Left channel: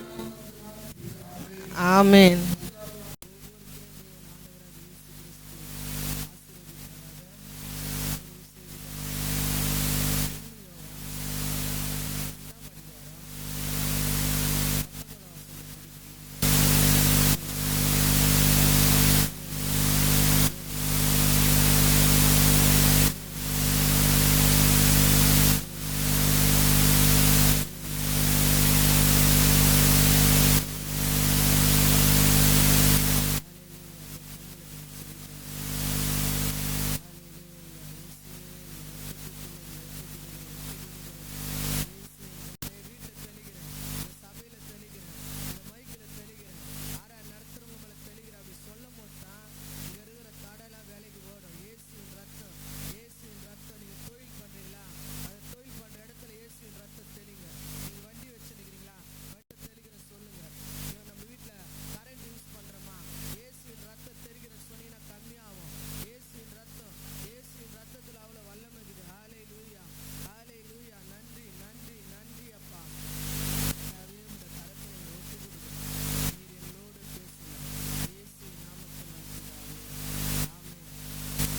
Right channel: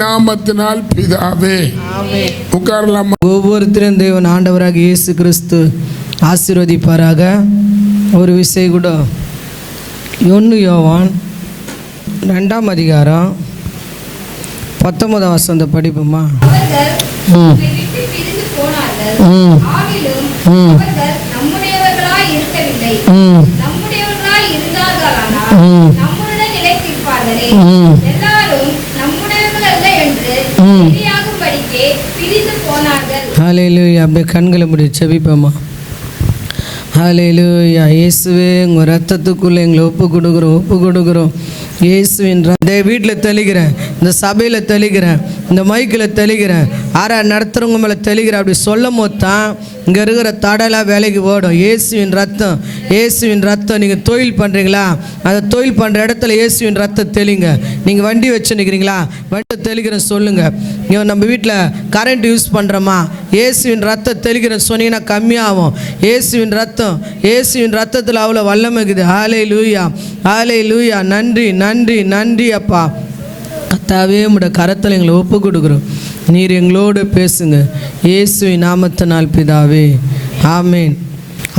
நாமத்தினால் பிதாவே ஆமென். உட்காரலாம். ஒவ்வொருத்தரும் தேவன் ஆண்டவராக இயேசு கிறிஸ்து ஆசீர்வதிப்பாராக. ஒரு விஷயம் கூட 1 யோவான் 2ஆம் அதிகாரம் 19ஆம் வசனம் படிப்போமா? ஹல்லேலூயா. அப்படியே கண்களை முடி செபிப்போமா? ஹல்லேலூயா. இயேசுவே, உங்கள் ரத்தத்துக்குள்ளே எங்களை ஒப்பு கொடுக்குறோம். இயேசுவின் வீட்டில் தெளிக்கிறேன், இந்த சபையில் தெளிக்கிறேன், இந்த மைக்கில் தெளிக்கிறேன், நடத்துகிறவங்க மேலே தெளிக்கிறேன். அப்படி சொல்லும் போது தான் இங்கே இருக்கிற தடலாம் வேலைக்கு ஓடும். இயேசுவின் ரத்தம். நீங்கள் தொழில் பண்ணுறீங்களா? அந்த தொழில் பண்ணுற இடத்துல இயேசுவின் ரத்தம் தெளிங்க. நீங்கள் வண்டி வச்சு நிற்கிறீங்களா? வண்டி தெளிக்கிறேன் சொல்லுங்கள். இங்கே நம்ம வீட்டில் கரண்ட் யூஸ் பண்ணுறோமா? இயேசுவின் ரத்தம் தெளிக்கிறேன் சொன்னீங்கன்னா கம்மியாகும். இயேசுவின் ரத்தத்தில் அவ்வளோ வல்லமைக்குது. ஹல்லேலூயா. நன்றி அப்பா. கர்த்தாவே, உம்முடைய கரத்தில் எங்களை ஒப்பு கொடுக்குறோம். நீர் எங்களோடு பேசுங்க. இயேசுவின் நாமத்தினால் பிதாவே ஆமென்.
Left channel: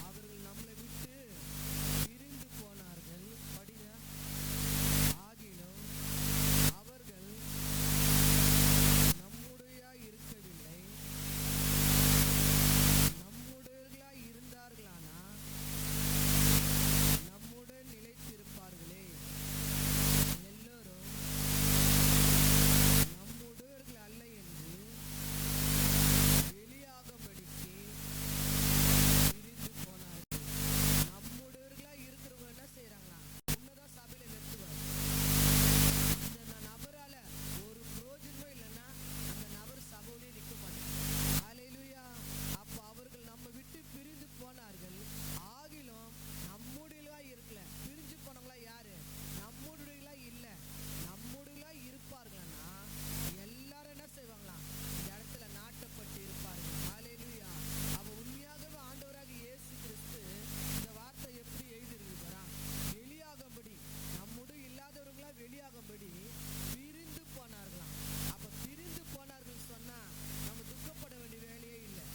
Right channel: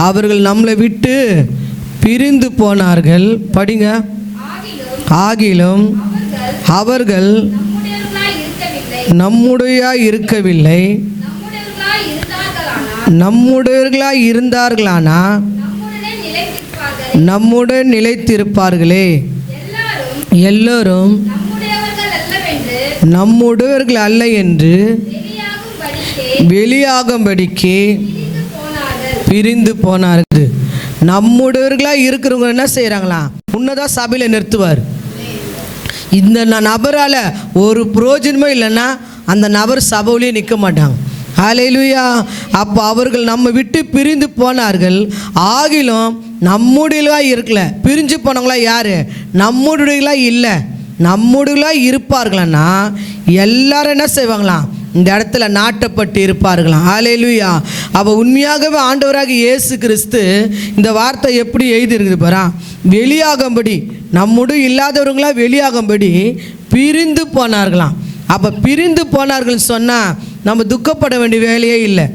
அவர்கள் நம்மளை விட்டு பிரிந்து போனார்கள். படிங்க. ஆகிலும் அவர்கள் நம்முடையவர்களாய் இருந்தார்களானா நம்முடன் நிலைத்திருப்பார்களே. எல்லோரும் நம்முடையவர்கள் அல்ல என்று வெளியாகும்படிக்கு பிரிந்து போனார்கள். நம்முடையவர்களாக இருக்கிறவங்க என்ன செய்கிறாங்களா? முன்னதான் சபையில் நிறுத்துவார். இந்த நபரால் ஒரு பிரயோஜனமே இல்லைன்னா அந்த நபர் சபையிலேயே நிற்க மாட்டாங்க. ஹல்லேலூயா. அப்போ அவர்கள் நம்ம விட்டு பிரிந்து போனார்கள். ஆகிலும் நம்முடையவர்களாக இருக்கல. பிரிஞ்சு போனவங்களா யார்? நம்முடையவர்களாக இல்லை. நம்முடையவர்களாக இருப்பார்களான்னா எல்லாரும் என்ன செய்வாங்களாம்? இந்த இடத்துல நாட்டப்பட்டு இருப்பார்களாம். ஹல்லேலூயா. அப்போ உண்மையாகவே ஆண்டவராக இயேசு கிறிஸ்து இந்த வார்த்தை எப்படி எழுதியிருக்குது பாரா? வெளியாகும்படி, நம்முடைய இல்லாதவர்களாக வெளியாகும்படி பிரிந்து போனார்களாம். அப்போ பிரிந்து போனார்கள் சொன்னால் நம்ம துக்கப்பட வேண்டிய வேலையே இல்லை.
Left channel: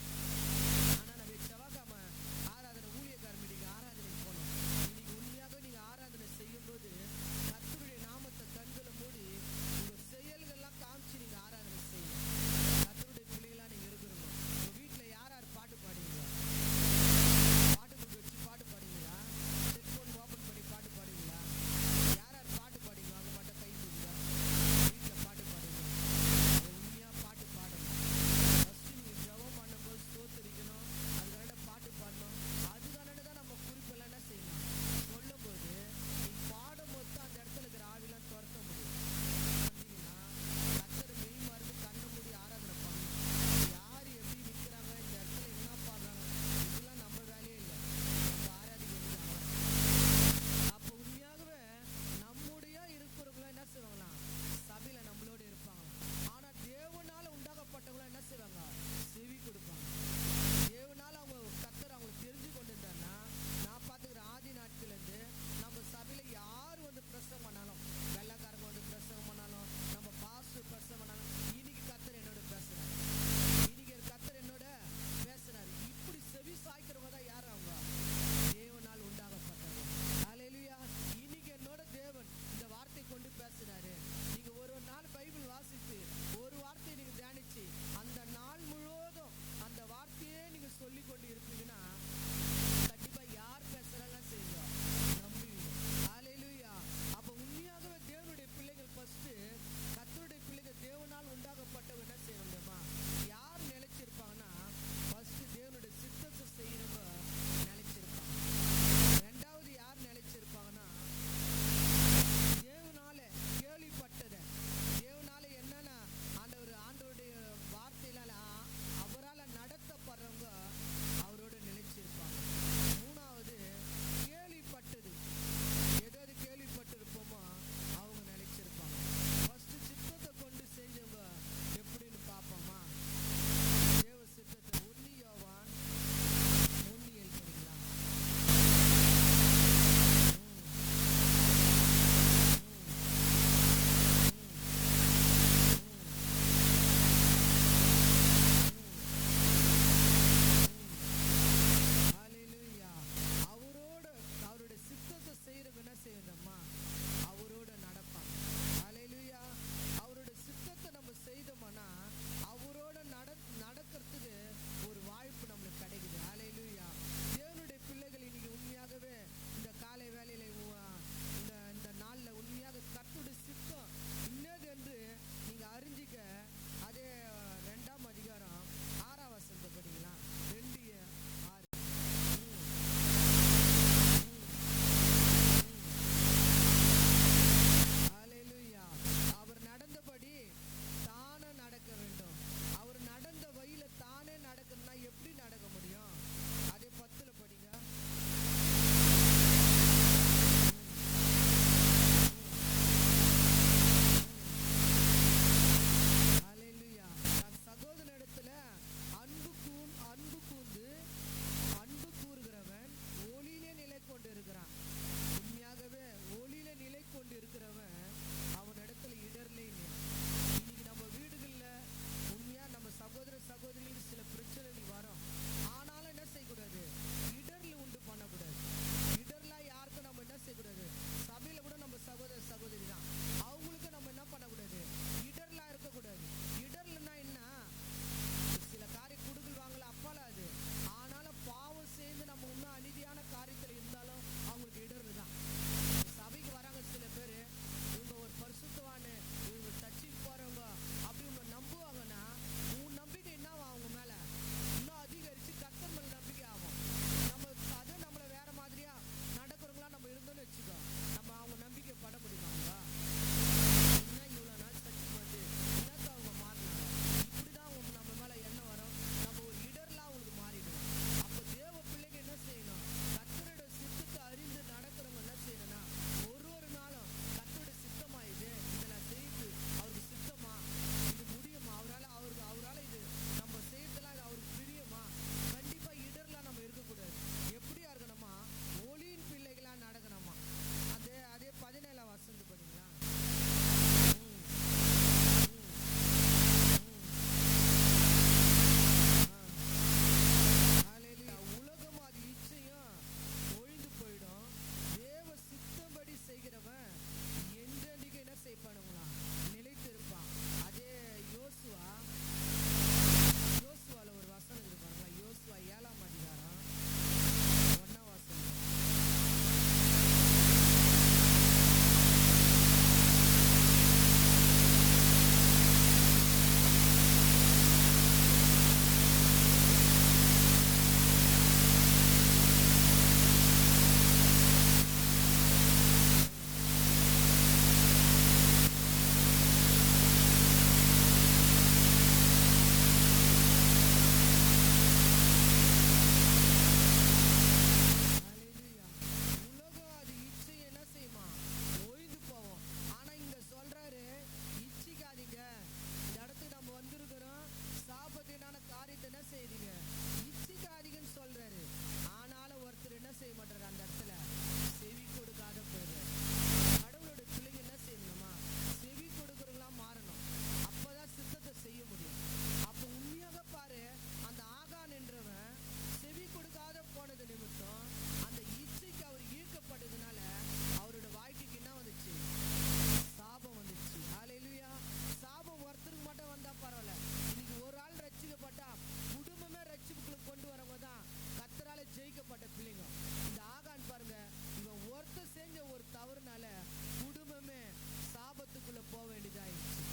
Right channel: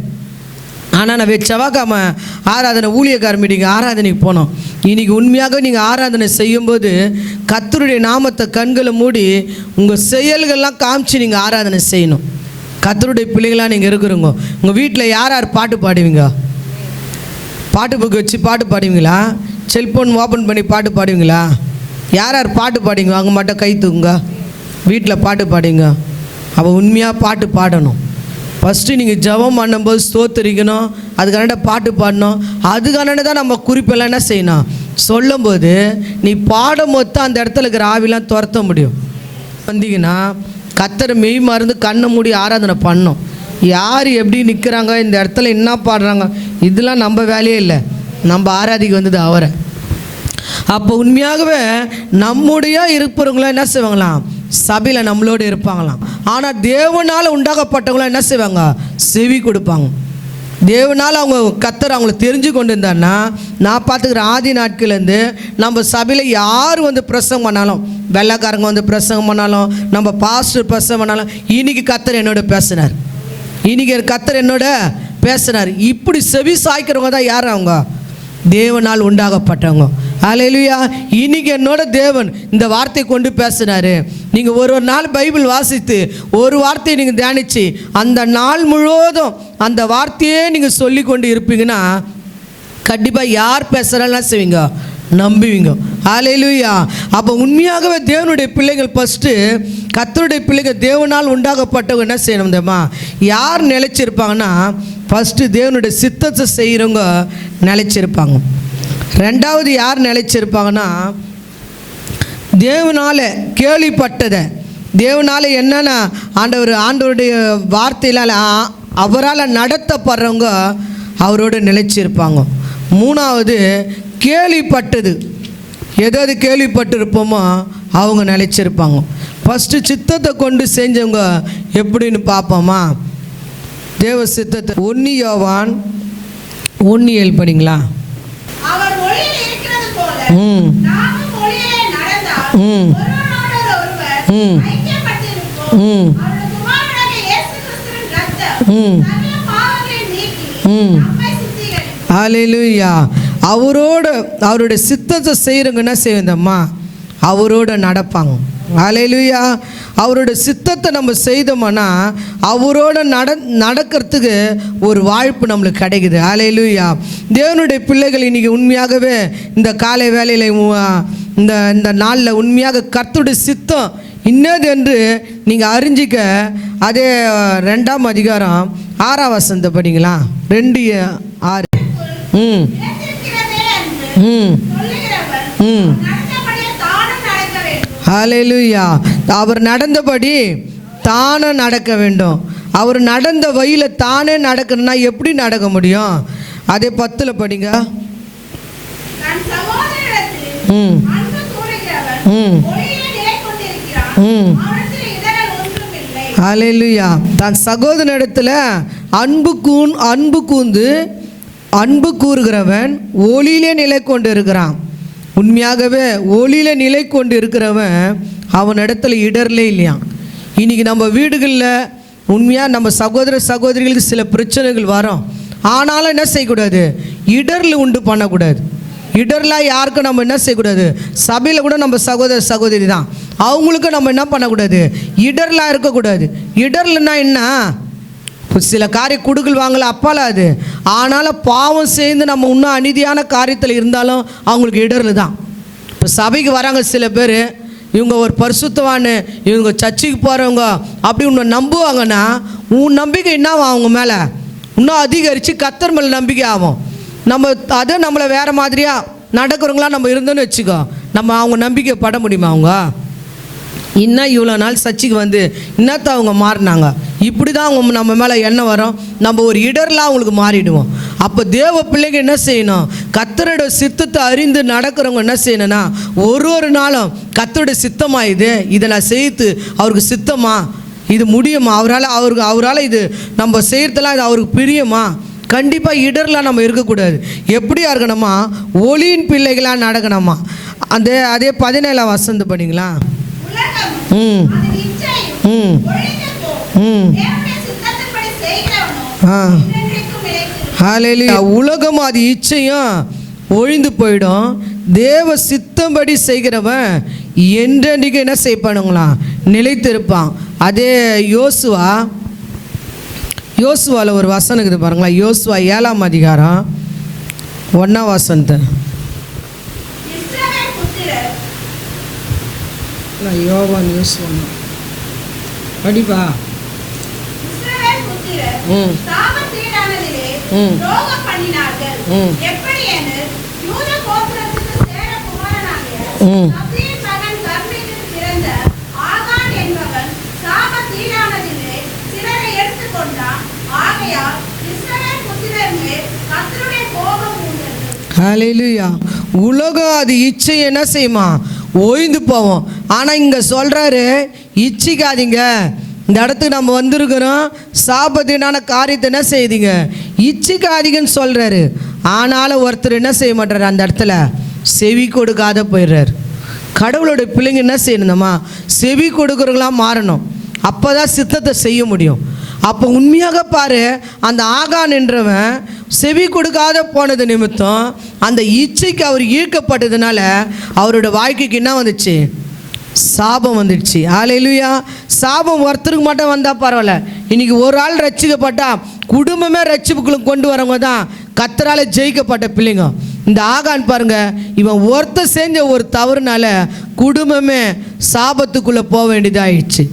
ஆனால் நான் செவ்வாய்க்கிழமை ஆராதனை ஊழியக்கார மீட்டிங் ஆராதனைக்கு போனோம். இன்றைக்கி உண்மையாக நீங்கள் ஆராதனை செய்யும்போது கர்த்தருடைய நாமத்தை கண்களை மூடி உங்கள் செயல்கள்லாம் காமிச்சு நீங்கள் ஆராதனை செய்யணும். கர்த்தருடைய பிள்ளைகளாக நீங்கள் இருக்கிறவங்க உங்கள் வீட்டில் யார் பாட்டு பாடுவீங்க? பாட்டு புக்கு வச்சு பாட்டு பாடுவீங்களா? செல்ஃபோன் ஓப்பன் பண்ணி பாட்டு பாடுவீங்களா? யார் பாட்டு பாடுவீங்க? அவங்க மட்டும் கை தூக்குங்க. வீட்டில் பாட்டு பாடுங்க. அப்போ உண்மையாக பாட்டு பாடணும். ஃபஸ்ட்டு நீங்கள் ஜெபம் பண்ணும்போது ஸ்தோத்திரிக்கணும். அதுக்கான பாட்டு பாடணும். அதுக்கான தான் நம்ம குறிப்பெல்லாம் என்ன செய்யணும்? சொல்லும்போது நீ பாடும் போது தான் அந்த இடத்துல இருக்கிற ஆவிலாம் துரத்த முடியும். வந்தீங்கன்னா கர்த்தரை மெய் மறந்து கண்ணை மூடி ஆராதனை பண்ணணும். யார் எப்படி நிற்கிறாங்க, இந்த இடத்துல என்ன பாடுறாங்க, இதெல்லாம் நம்ம வேலையே இல்லை. நம்ம ஆராதிக்கு வந்தது அவரை. அப்போ உண்மையாகவே நம்முடைய இருப்பவங்களாம் என்ன செய்வாங்களாம்? சபையில் நம்மளோடு இருப்பாங்களாம். ஆனால் தேவனால் உண்டாகப்பட்டவங்களாம் என்ன செய்வாங்க? செவி கொடுப்பாங்க. தேவனால் அவங்க கர்த்தர் அவங்கள தெரிஞ்சு கொண்டு இருந்தான்னா, நான் பார்த்துக்கிற ஆதி நாட்கள்லேருந்து நம்ம சபையில் யார் வந்து பிரசங்கம் பண்ணாலும், வெள்ளைக்காரங்க வந்து பிரசங்கம் பண்ணாலும், நம்ம பாஸ்டர் பிரசங்கம் பண்ணாலும், இன்றைக்கி கர்த்தர் என்னோட பேசினார், இன்றைக்கி கர்த்தர் என்னோட பேசினார். இப்படி செவி சாய்க்கிறவங்க தான் யார்? அவங்க தேவனால் உண்டாகப்பட்டவங்க. ஹல்லேலூயா. இன்னைக்கு என்னோட தேவன் இந்த வார்த்தையை கொண்டு பேசினாரு. நீங்கள் ஒரு நாள் பைபிள் வாசித்து ஒரு வார்த்தையை நீங்கள் தியானித்து அந்த நாள் முழுவதும் அந்த வார்த்தையே நீங்கள் சொல்லி கொண்டு இருப்பீங்கன்னா கண்டிப்பாக யார் பேசுகிறாலும் செய்வீங்க, நம்புவீங்க. ஹல்லேலூயா. அப்போ உண்மையாகவே தேவனுடைய பிள்ளைகள் ஃபஸ்ட்டு கர்த்தருடைய பிள்ளைகள் தேவனால் உண்டாகப்பட்டவங்க என்ன செய்யணும் தெரியுமா? யார் நிலைச்சிருப்பாங்கன்னா ஃபஸ்ட்டு தேவனுடைய சித்தத்தை செய்கிறவங்க நிலைச்சிருப்பாங்க. ரெண்டாவது யார் நிலைச்சிருப்பாங்கன்னா தேவனால் கேள்விப்பட்டதை, தேவனால் என்னென்ன ஆண்டவருடைய வார்த்தையினால் அவரால் நடத்தப்படுறவங்க அவரோடு நிலைச்சிருப்பாங்க. மூணாவது கேள்விப்பட்டது, எதாவது கேள்விப்பட்டிருப்போமோ அவங்க நிலைச்சிருப்பாங்க. ஃபஸ்ட்டு சித்தத்தை கொண்டு செஞ்சவங்க எப்படின்னு பார்ப்போமா? தேவ சித்தத்தை 1 யோவான் 1:7 படிங்களா? அவர் ஒளியில் இருக்கிறது ம் ம் ம் ம் ம் ம் ஹல்லேலூயா. அவருடைய சித்தத்தை செய்கிறவங்க என்ன செய்வந்தம்மா, அவரோட நடப்பாங்க. ஹல்லேலூயா. அவருடைய சித்தத்தை நம்ம செய்தோம்னா அவரோட நடக்கிறதுக்கு ஒரு வாய்ப்பு நம்மளுக்கு கிடைக்குது. ஹல்லேலூயா. தேவனுடைய பிள்ளைகள் இன்றைக்கி உண்மையாகவே இந்த காலை வேளையில் இந்த நாளில் உண்மையாக கர்த்தருடைய சித்தம் இன்னது என்று நீங்கள் அறிஞ்சிக்க அதே 2ஆம் அதிகாரம் 6ஆம் வசனத்தை படிங்களா. 2:6. ம் ம் ம் ஹல்லேலூயா. அவர் நடந்தபடி தானே நடக்க வேண்டும். அவர் நடந்த வழியில் தானே நடக்கணும்னா எப்படி நடக்க முடியும்? அதே 10 படிங்க. ம் ம் ம் ஹல்லேலூயா. தன் சகோதரனிடத்தில் அன்பு கூறுகிறவன் ஒளியிலே நிலை கொண்டு இருக்கிறான். உண்மையாகவே ஒளியில நிலை கொண்டு இருக்கிறவன் அவன் இடத்துல இடர்லே இல்லையா. இன்றைக்கி நம்ம வீடுகளில் உண்மையாக நம்ம சகோதரிகளுக்கு சில பிரச்சனைகள் வரும். ஆனாலும் என்ன செய்யக்கூடாது, இடரில் உண்டு பண்ணக்கூடாது. இடர்லாம் யாருக்கும் நம்ம என்ன செய்யக்கூடாது. சபையில் கூட நம்ம சகோதரி தான், அவங்களுக்கும் நம்ம என்ன பண்ணக்கூடாது, இடர்லாம் இருக்கக்கூடாது. இடர்லன்னா என்ன, சில காரிய குடுக்கல் வாங்கல அப்பால அது. ஆனாலும் பாவம் சேர்ந்து நம்ம இன்னும் அநீதியான காரியத்தில் இருந்தாலும் அவங்களுக்கு இடர்ல தான். இப்போ சபைக்கு வராங்க சில பேர், இவங்க ஒரு பரிசுத்தவான்னு, இவங்க சர்ச்சுக்கு போகிறவங்க அப்படி உன்னை நம்புவாங்கன்னா உன் நம்பிக்கை என்னவாகும், அவங்க மேலே இன்னும் அதிகரித்து கர்த்தர் மேலே நம்பிக்கை ஆகும். நம்ம அதை நம்மளை வேறு மாதிரியாக நடக்கிறவங்களாம் நம்ம இருந்தோன்னு வச்சுக்கோ, நம்ம அவங்க நம்பிக்கை பட முடியுமா? அவங்க இன்னும் இவ்வளோ நாள் சர்ச்சுக்கு வந்து இன்னத்த அவங்க மாறினாங்க, இப்படி தான் அவங்க நம்ம மேலே எண்ணம் வரும். நம்ம ஒரு இடர்லாம் அவங்களுக்கு மாறிடுவோம். அப்போ தேவ பிள்ளைங்க என்ன செய்யணும், கர்த்தரோட சித்தத்தை அறிந்து நடக்கிறவங்க என்ன செய்யணும்னா ஒரு நாளும் கர்த்தருடைய சித்தமா இதை நான் செய்து அவருக்கு சித்தமா, இது முடியுமா, அவரால் இது நம்ம செய்கிறதெல்லாம் இது அவருக்கு பிரியமா. கண்டிப்பாக இடர்லாம் நம்ம இருக்கக்கூடாது. எப்படியா இருக்கணுமா, ஒளியின் பிள்ளைகளாக நடக்கணுமா. அதே 17ஆம் வசனம் படிங்களா. ம் ம் ம் ஹல்லேலூயா. உலகம் அது இச்சையும் ஒழிந்து போயிடும், தேவ சித்தம்படி செய்கிறவன் என்றென்றைக்கு என்ன செய்ப்பானுங்களா, நிலைத்திருப்பான். அதே யோசுவாவில் ஒரு வசனம் இருக்குது பாருங்களா. யோசுவா 7ஆம் அதிகாரம் 1ஆம் வசனத்தை. யோவான் யோசுவா படிப்பா. ம் ம் ம் ம் ஹல்லேலூயா. உலகம் அது இச்சை என்ன செய்யுமா, ஓய்ந்து போவோம். ஆனால் இங்கே சொல்கிறாரு இச்சிக்காதீங்க. இந்த இடத்துக்கு நம்ம வந்திருக்கிறோம், சாபத்தினான காரியத்தை என்ன செய்யுதுங்க, இச்சிக்காதீங்கன்னு சொல்கிறாரு. ஆனாலும் ஒருத்தர் என்ன செய்ய மாட்டார், அந்த இடத்துல செவி கொடுக்காத போயிடுறாரு. கடவுளுடைய பிள்ளைங்க என்ன செய்யணுமா, செவி கொடுக்குறவங்களாம் மாறணும். அப்போ தான் சித்தத்தை செய்ய முடியும். அப்போ உண்மையாக பாரு, அந்த ஆகான் என்றவன் செவி கொடுக்காத போனது நிமித்தம் அந்த இச்சைக்கு அவர் ஈர்க்கப்பட்டதுனால அவரோட வாழ்க்கைக்கு என்ன வந்துச்சு, சாபம் வந்துடுச்சு. ஹல்லேலூயா. சாபம் ஒருத்தருக்கு மட்டும் வந்தால் பரவாயில்ல, இன்றைக்கி ஒரு ஆள் ரட்சிக்கப்பட்டா குடும்பமே ரட்சிப்புக்குள்ள கொண்டு வரவங்க தான் கர்த்தரால் ஜெயிக்கப்பட்ட பிள்ளைங்க. இந்த ஆகான் பாருங்க, இவன் ஒருத்தர் செஞ்ச ஒரு தவறுனால குடும்பமே சாபத்துக்குள்ளே போக வேண்டியதாகிடுச்சு.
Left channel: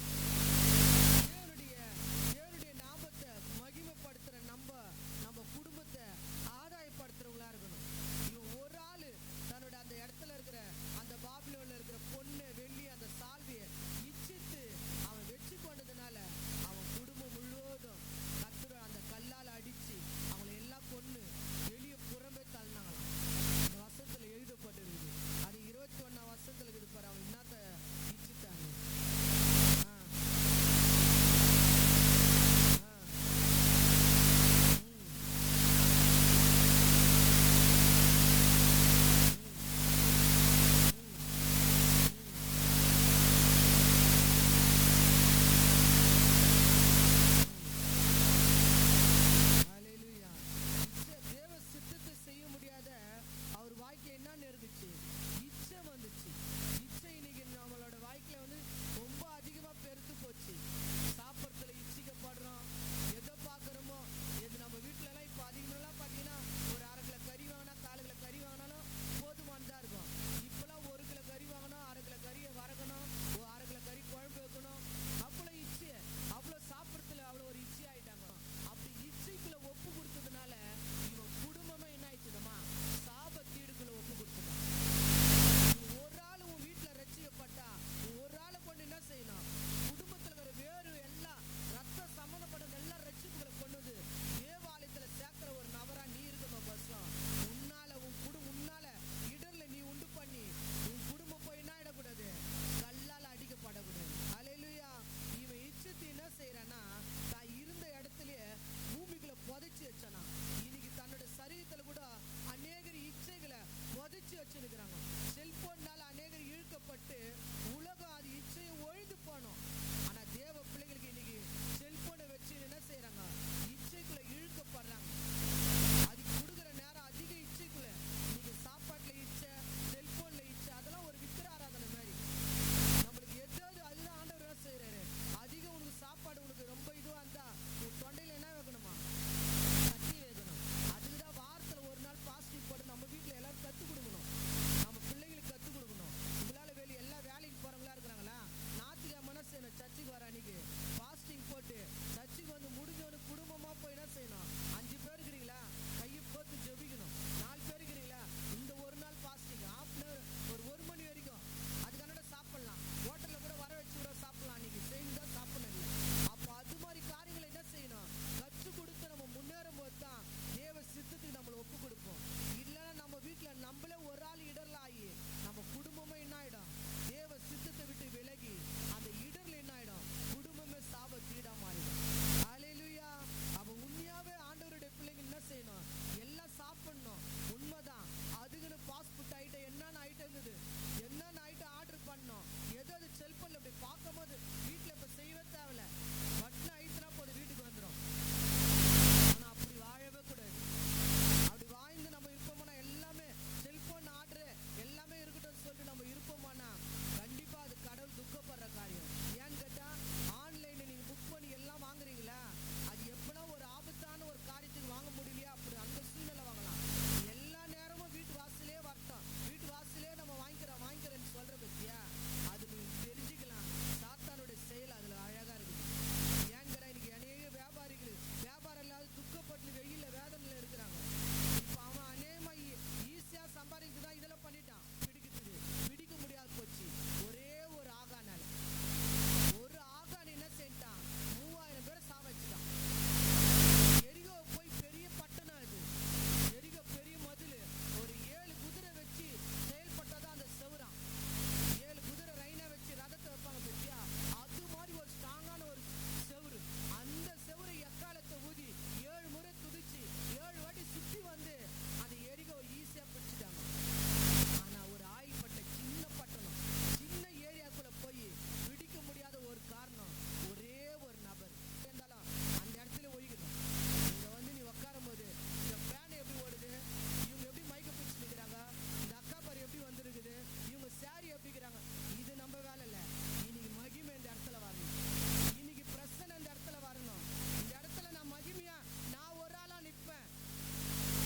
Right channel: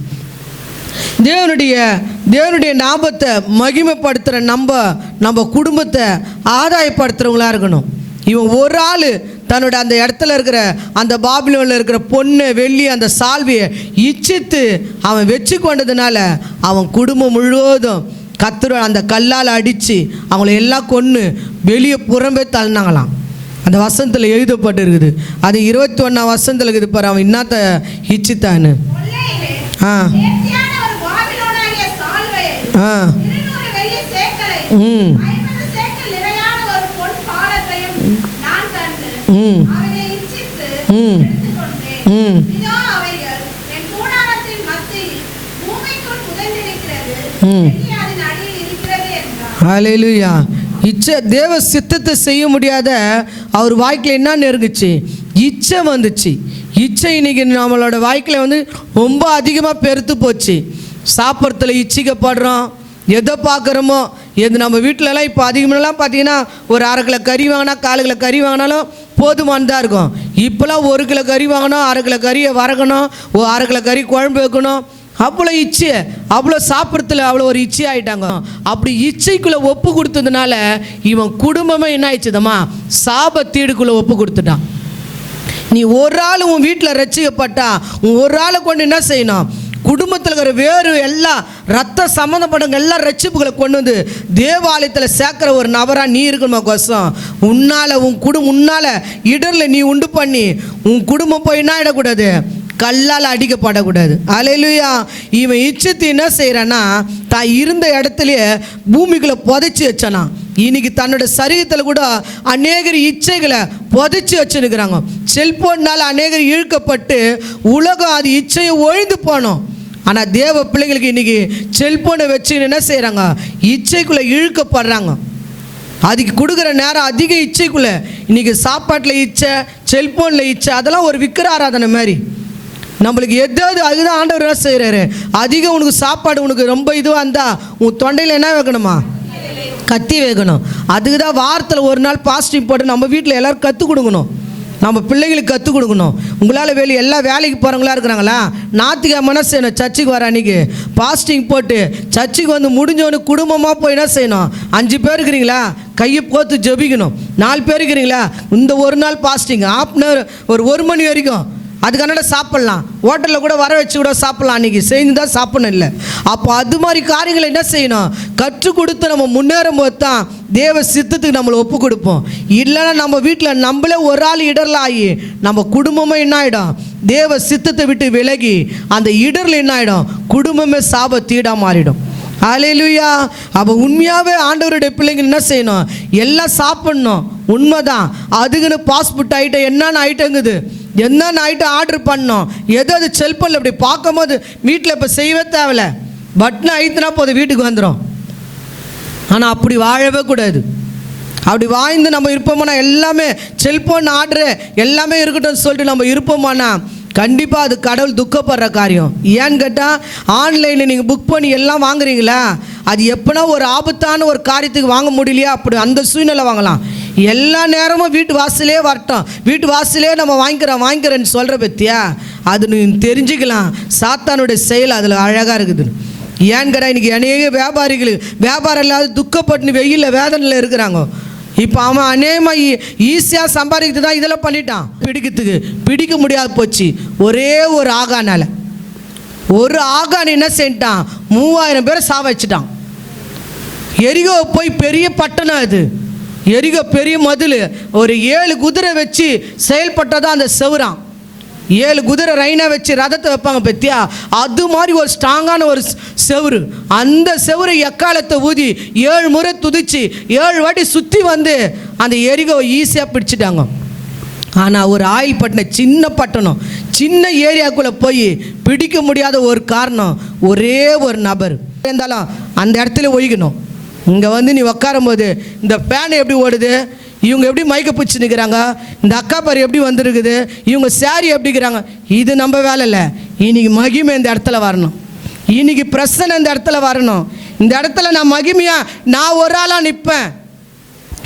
தேவனுடைய நாமத்தை மகிமைப்படுத்துகிற நம்ம குடும்பத்தை ஆதாயப்படுத்துகிறவங்களா இருக்கணும். இவன் ஒரு ஆள் தன்னோட அந்த இடத்துல இருக்கிற அந்த பாபிலோனில் இருக்கிற பொண்ணு வெள்ளி அந்த சால்வியை இச்சித்து அவன் வச்சு கொண்டதுனால அவன் குடும்பம் முழுவதும் கர்த்தர் அந்த கல்லால் அடித்து அவங்கள எல்லாம் கொன்று வெளியே புறம்பே தள்ளினாங்களாம். அந்த வசனத்தில் எழுதப்பட்டு இருக்குது. அது 21ஆம் வசனத்தில் இருக்குது பாரு, அவன் என்னத்த இச்சித்தான்னு. ம் ம் ம் ம் ஹல்லேலூயா. இச்சை தேவ சித்தத்தை செய்ய முடியாத அவர் வாய்க்கில் என்ன நெருங்குச்சு? இச்சை வந்துச்சு. இச்சை இன்னைக்கு நம்மளோட வாய்க்கில் வந்து ரொம்ப அதிகமாக பெருத்து போச்சு. சாப்பிட்றதுல இச்சிக்கப்படுறோம், எதை பார்க்குறோமோ எது. நம்ம வீட்டிலலாம் இப்போ அதிகமாகலாம் பார்த்தீங்கன்னா ஒரு 1/2 கிலோ கறி வாங்கினா 1/4 கிலோ கறி வாங்கினாலும் போதுமானதாக இருக்கும். இப்போலாம் 1 கிலோ கறி வாங்கணும், 1/2 கிலோ கறியை வறக்கணும், 1/2 கிலோ கறி குழம்பு வைக்கணும். அவ்வளோ இச்சை, அவ்வளோ சாப்பிட்றதுல அவ்வளோ ஒரு இச்சை ஆகிட்டாங்க. அப்படி இச்சைக்குள்ளே ஒப்பு கொடுத்ததுனால இவன் குடும்பமே என்ன ஆயிடுச்சுதம்மா? சாபத்தீடுக்குள்ளே ஒப்பு கொடுத்துட்டான். நீ ஒரு ஆள் உன் வீட்டில் ரட்சிக்கப்பட்டா உன் ஒரு ஆளை கொண்டு என்ன செய்யணும்? குடும்பத்தில் இருக்கிற வேறு எல்லாம் ரத்த சம்மந்தப்பட்டவங்க எல்லாம் ரட்சிப்புகளை கொண்டு வந்து தேவாலயத்தில் சேர்க்குற ஒரு நபராக நீ இருக்கணுமா கோசம்? உன்னால் உன்னால் இடரில் நீ உண்டு பண்ணி உன் குடும்பம் போய் என்ன ஆகிடக்கூடாது? கல்லால் அடிக்கப்படக்கூடாது. அல்லேலூயா. இவன் இச்சத்தை என்ன செய்கிறான்னா தான் இருந்த இடத்துலையே பூமிக்குள்ளே புதைச்சி வச்சானா. இன்னைக்கு தன்னோட சரீரத்தில் கூட அநேகர் இச்சைகளை புதைச்சி வச்சுருக்கிறாங்க. செல்போன்னால் அநேகர் இழுக்கப்பட்டு உலகம் அது இச்சையை ஒழிந்து போனோம். ஆனால் தேவ பிள்ளைங்களுக்கு இன்றைக்கி செல்போனை வச்சு என்ன செய்கிறாங்க? இச்சைக்குள்ளே இழுக்கப்படுறாங்க. அதுக்கு கொடுக்குற நேரம் அதிக இச்சைக்குள்ளே. இன்றைக்கி சாப்பாட்டில் இச்சை, செல்போனில் இச்சை, அதெல்லாம் ஒரு விக்கிர ஆராதனை மாதிரி. நம்மளுக்கு எதாவது அதுதான் ஆண்டவர் என்ன செய்கிறாரு? அதிகம் உனக்கு சாப்பாடு உனக்கு ரொம்ப இதுவாக இருந்தால் உன் தொண்டையில் என்ன வைக்கணுமா? கத்தி வைக்கணும். அதுக்கு தான் வாரத்தில் ஒரு நாள் பாஸ்டிங் போட்டு நம்ம வீட்டில் எல்லோரும் கற்றுக் கொடுக்கணும். நம்ம பிள்ளைகளுக்கு கற்றுக் கொடுக்கணும். உங்களால் எல்லாம் வேலைக்கு போகிறவங்களா இருக்கிறாங்களா? ஞாயிற்றுக்கிழமை செய்யணும், சர்ச்சுக்கு வர அன்றைக்கி பாஸ்டிங் போட்டு சர்ச்சுக்கு வந்து முடிஞ்சவனு குடும்பமாக போய் என்ன செய்யணும்? 5 பேர் இருக்கிறீங்களா? கையை போத்து ஜெபிக்கணும். 4 பேர் இருக்கிறீங்களா? இந்த ஒரு நாள் பாஸ்டிங் ½ ஒரு 1 மணி வரைக்கும் அதுக்கான சாப்பிட்லாம். ஹோட்டலில் கூட வர வச்சு கூட சாப்பிட்லாம். அன்றைக்கி செய்து தான் சாப்பிடணும் இல்லை. அப்போ அது மாதிரி காரியங்களை என்ன செய்யணும்? கற்றுக் கொடுத்து நம்ம முன்னேறும் போது தான் தேவ சித்தத்துக்கு நம்மளை ஒப்பு கொடுப்போம். இல்லைன்னா நம்ம வீட்டில் நம்மளே ஒரு ஆள் இடரில் ஆகி நம்ம குடும்பமே என்ன ஆகிடும்? தேவ சித்தத்தை விட்டு விலகி அந்த இடரில் என்ன ஆகிடும்? குடும்பமே சாபத்தீடாக மாறிடும். அல்லேலூயா. அப்போ உண்மையாகவே ஆண்டவருடைய பிள்ளைங்க என்ன செய்யணும்? எல்லாம் சாப்பிட்ணும். உண்மைதான். அதுக்குன்னு பாஸ்போர்ட் ஐட்டம் என்னென்ன ஐட்டங்குது, என்னென்ன ஐட்டம் ஆர்டர் பண்ணோம். எதாவது செல்போனில் இப்படி பார்க்கும்போது வீட்டில் இப்போ செய்யவே தேவையில்ல, பட்டன் அழுத்தினா போதும் வீட்டுக்கு வந்துடும். ஆனால் அப்படி வாழவே கூடாது. அப்படி வாழ்ந்து நம்ம இருப்போமானா எல்லாமே செல்போன் ஆர்டரு எல்லாமே இருக்கட்டும் சொல்லிட்டு நம்ம இருப்போமானா கண்டிப்பாக அது கடவுள் துக்கப்படுற காரியம். ஏன்னு கேட்டால் ஆன்லைனில் நீங்கள் புக் பண்ணி எல்லாம் வாங்குறீங்களா? அது எப்போனா ஒரு ஆபத்தான ஒரு காரியத்துக்கு வாங்க முடியலையா? அப்படி அந்த சூழ்நிலை வாங்கலாம். எல்லா நேரமும் வீட்டு வாசலே வரட்டும், வீட்டு வாசலே நம்ம வாங்கிக்கிறேன்னு சொல்கிற பற்றியா? அது நீ தெரிஞ்சுக்கலாம் சாத்தானுடைய செயல் அதில் அழகாக இருக்குது. ஏன்னு கேட்டால் இன்றைக்கி அநேக வியாபாரம் இல்லாத துக்கப்பட்டு வெயிலில் வேதனையில் இருக்கிறாங்க. இப்போ அவன் அநேகமாக ஈஸியாக சம்பாதிக்கிறது தான் இதெல்லாம் பண்ணிட்டான். பிடிக்க முடியாது போச்சு. ஒரே ஒரு ஆகானால ஒரு ஆகான் என்ன செஞ்சிட்டான்? 3000 பேரை சாவச்சிட்டான். எரிகோ போய் பெரிய பட்டணம், அது எரிகோ பெரிய மதில், ஒரு 7 குதிரை வச்சு செயல்பட்டதான் அந்த செவுரான். 7 குதிரை ரைனா வச்சு ரதத்தை வைப்பாங்க பத்தியா? அது மாதிரி ஒரு ஸ்ட்ராங்கான ஒரு செவுரு. அந்த செவுரை எக்காலத்தை ஊதி 7 முறை துதிச்சு 7 வாட்டி சுற்றி வந்து அந்த எரிகோவை ஈஸியாக பிடிச்சிட்டாங்க. ஆனால் ஒரு ஆயில் பட்டணம், சின்ன பட்டணம், சின்ன ஏரியாக்குள்ளே போய் பிடிக்க முடியாத ஒரு காரணம் ஒரே ஒரு நபர் இருந்தாலும் அந்த இடத்துல ஒழிக்கணும். இங்கே வந்து நீ உட்காரும் போது இந்த ஃபேன் எப்படி ஓடுது, இவங்க எப்படி மைக்க பிடிச்சி நிற்கிறாங்க, இந்த அக்கா பாரு எப்படி வந்துருக்குது, இவங்க சாரி எப்படிக்கிறாங்க, இது நம்ம வேலை இல்லை. இன்னைக்கு மகிமை இந்த இடத்துல வரணும். இன்னைக்கு பிரச்சனை இந்த இடத்துல வரணும். இந்த இடத்துல நான் மகிமையாக நான் ஒரு ஆளாக நிற்பேன்.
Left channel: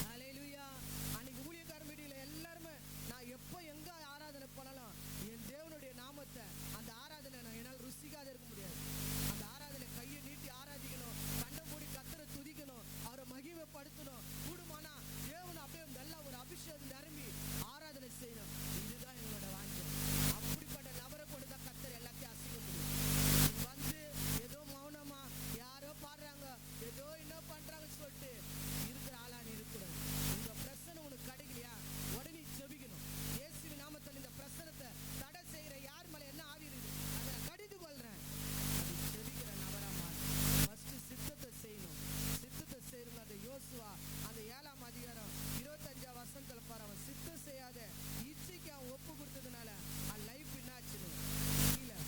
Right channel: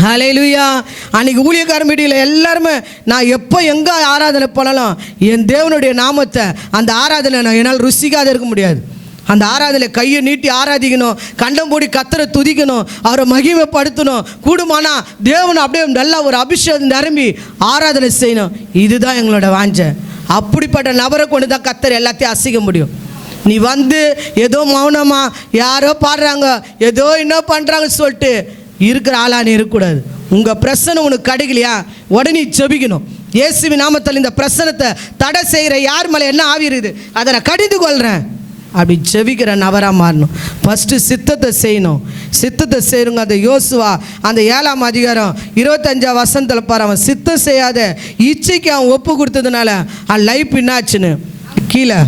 ஹல்லேலூயா. அன்றைக்கி ஊழியக்கார மீட்டிங்கில் எல்லாருமே நான் எப்போ எங்கே ஆராதனை பண்ணலாம் என் தேவனுடைய நாமத்தை அந்த ஆராதனை நான் என்னால் ருசிக்காத இருக்க முடியாது. அந்த ஆராதனை கையை நீட்டி ஆராதிக்கணும், கண்டம் போடி கத்தரை துதிக்கணும், அவரை மகிமைப்படுத்தணும். கூடுமானா தேவனை அப்படியே நல்லா ஒரு அபிஷேகம் நிரம்பி ஆராதனை செய்யணும். இதுதான் எங்களோட வாஞ்சை. அப்படிப்பட்ட நபரை கொண்டு தான் கத்தரை எல்லாத்தையும் அசைக்க முடியும். நீ வந்து ஏதோ மௌனமாக யாரோ பாடுறாங்க, ஏதோ இன்னும் பண்ணுறாங்க சொல்லிட்டு இருக்கிற ஆளானே இருக்கக்கூடாது. உங்கள் பிரச்சனை உனக்கு கிடைக்கலையா, உடனே ஜெபிக்கணும். இயேசுவின் நாமத்தில் இந்த பிரச்சனத்தை தடை செய்கிற யார் மேலே என்ன ஆவி இருக்குது அதை நான் கடிந்து கொள்கிறேன். அப்படி ஜெபிக்கிற நபராக மாறணும். ஃபஸ்ட்டு சித்தத்தை செய்யணும். சித்தத்தை செய்யணுங்க. அந்த யோசுவா அந்த 7ஆம் அதிகாரம் 25ஆம் வசனத்தில் பாரு, அவன் சித்தம் செய்யாத இச்சைக்கு அவன் ஒப்பு கொடுத்ததுனால அவன் லைஃப் என்னாச்சுன்னு கீழே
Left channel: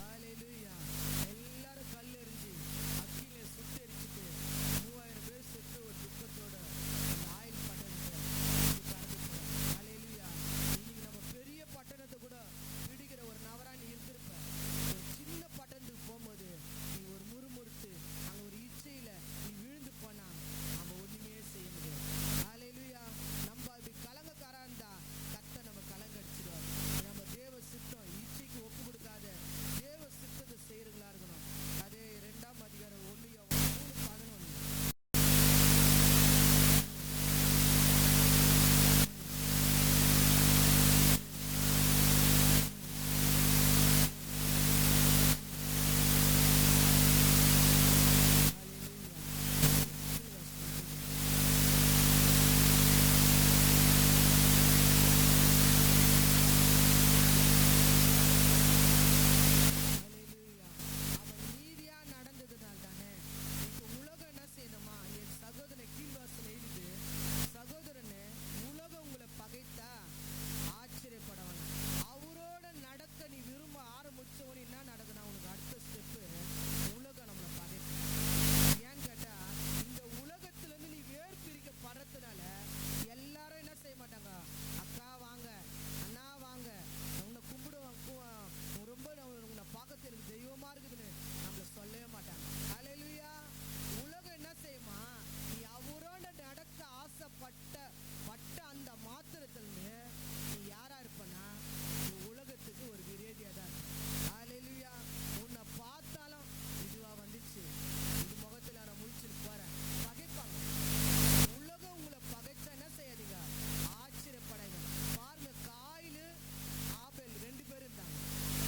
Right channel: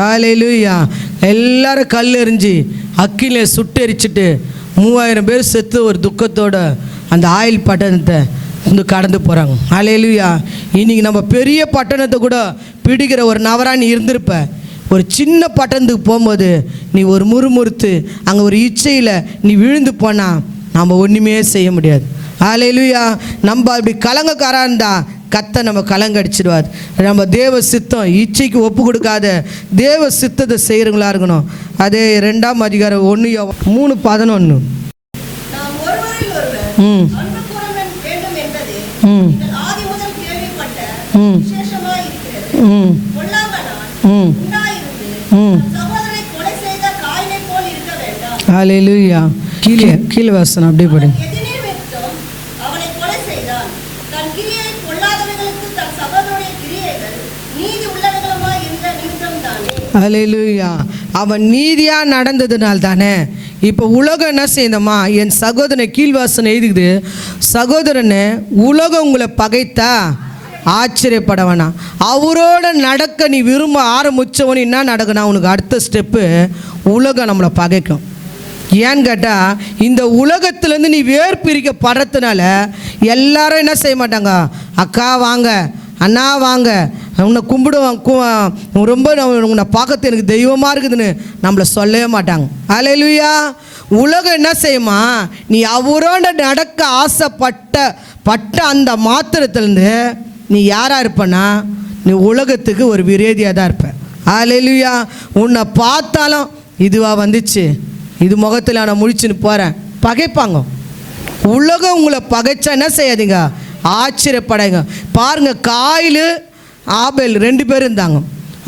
ஹல்லேலூயா. எல்லாரும் கல் எறிஞ்சு அக்கில சுட்டெரிச்சிட்டு 3000 பேர் செத்து ஒரு துக்கத்தோட அந்த ஆயில் பட்டணத்தை வந்து கடந்து போகிறாங்க. ஹல்லேலூயா. இன்னைக்கு நம்ம பெரிய பட்டணத்தை கூட பிடிக்கிற ஒரு நபராக நீ இருந்திருப்ப. ஒரு சின்ன பட்டணத்துக்கு போகும்போது நீ ஒரு முறுமுறுத்து அங்கே ஒரு இச்சையில் நீ விழுந்து போனால் நம்ம ஒன்றுமே செய்ய முடியாது. ஹல்லேலூயா. நம்ம அப்படி கலங்கக்காராக இருந்தால் கத்தை நம்ம கலங்கடிச்சிடுவார். நம்ம தேவ சித்தம் இச்சைக்கு ஒப்பு கொடுக்காத தேவ சித்தத்தை செய்கிறவங்களா இருக்கணும். அதே 2ஆம் அதிகாரம் 1:3-11. ஹல்லேலூயா. கீழே வாசனம் அப்படியே படுங்க. ஹல்லேலூயா. அவன் நீதியாக நடந்ததுனால தானே இப்போ உலகம் என்ன செய்யணுமா, என் சகோதரனை கீழ்வாசனை எழுதுகுது, சகோதரனை உலகம் உங்களை பகைத்தா ஆச்சரியப்பட வேணாம். அவரோட நடக்க நீ விரும்ப ஆரம்பித்தவனு என்ன நடக்கணும், உனக்கு அடுத்த ஸ்டெப்பு உலகம் நம்மளை பகைக்கும். ஏன்னு கேட்டால் இந்த உலகத்துலேருந்து நீ வேர் பிரிக்கப்படுறதுனால எல்லாரும் என்ன செய்ய மாட்டாங்க, அக்கா வாங்க, அண்ணா வாங்க, உன்னை கும்பிடுவாங்க, ரொம்ப உன்னை பார்க்கறது எனக்கு தெய்வமாக இருக்குதுன்னு நம்மளை சொல்லவே மாட்டாங்க. ஹல்லேலூயா. உலகம் என்ன செய்யுமா, நீ அவரோட நடக்க ஆசைப்பட்ட அந்த மாத்திரத்துலேருந்து நீ யாராக இருப்பனா, நீ உலகத்துக்கு ஒரு விரோதியாக தான் இருப்ப. ஹல்லேலூயா. உன்னை பார்த்தாலும் இதுவாக வந்துச்சு, இது முகத்தில் நான் முழிச்சுன்னு போகிறேன், பகைப்பாங்க. உலகம் உங்களை பகைச்சா என்ன செய்யாதீங்க, ஆச்சரியப்படைங்க. பாருங்க, காயில் ஆபேல் 2 பேர் இருந்தாங்க.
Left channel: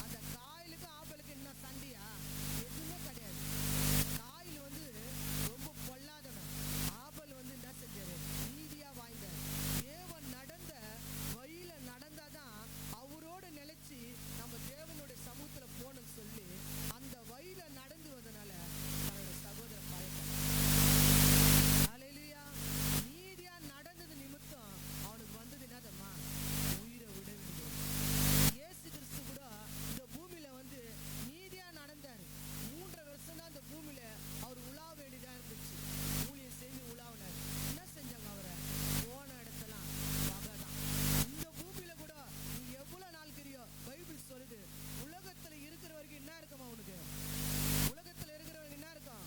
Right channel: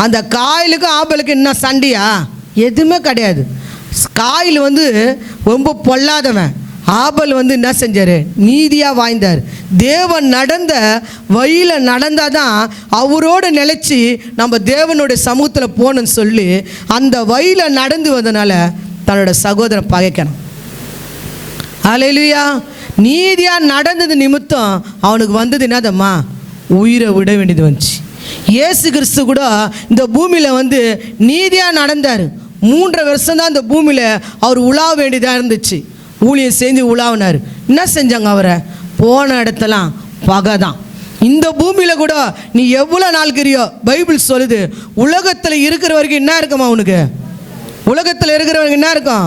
அந்த காயிலுக்கும் ஆபேலுக்கு என்ன சண்டையா, எதுவுமே கிடையாது. காயில் வந்து ரொம்ப பொல்லாதவன், ஆபேல் வந்து என்ன செஞ்சார், நீதியாக வாழ்ந்தார். தேவன் நடந்த வழியில் நடந்தால் தான் அவரோடு நிலச்சி நம்ம தேவனுடைய சமூகத்தில் போகணுன்னு சொல்லி அந்த வழியில் நடந்து வந்தனால தன்னோட சகோதரன் பகைக்கணும். ஹல்லேலூயா. நீதியாக நடந்தது நிமித்தம் அவனுக்கு வந்தது என்னதம்மா, உயிரை விட வேண்டியது வந்துச்சு. இயேசு கிறிஸ்து கூட இந்த பூமியில் வந்து நீதியாக நடந்தார். 3 வருஷம் தான் இந்த பூமியில் அவர் உலாவ வேண்டியதாக இருந்துச்சு. ஊழியம் செஞ்சு உலாவினார். என்ன செஞ்சாங்க, அவரை போன இடத்தெல்லாம் பகை தான். இந்த பூமியில் கூட நீ எவ்வளோ நாள்கிறியோ, பைபிள் சொல்லுது, உலகத்தில் இருக்கிற வரைக்கும் என்ன இருக்குமா உனக்கு, உலகத்தில் இருக்கிறவங்க என்ன இருக்கும்,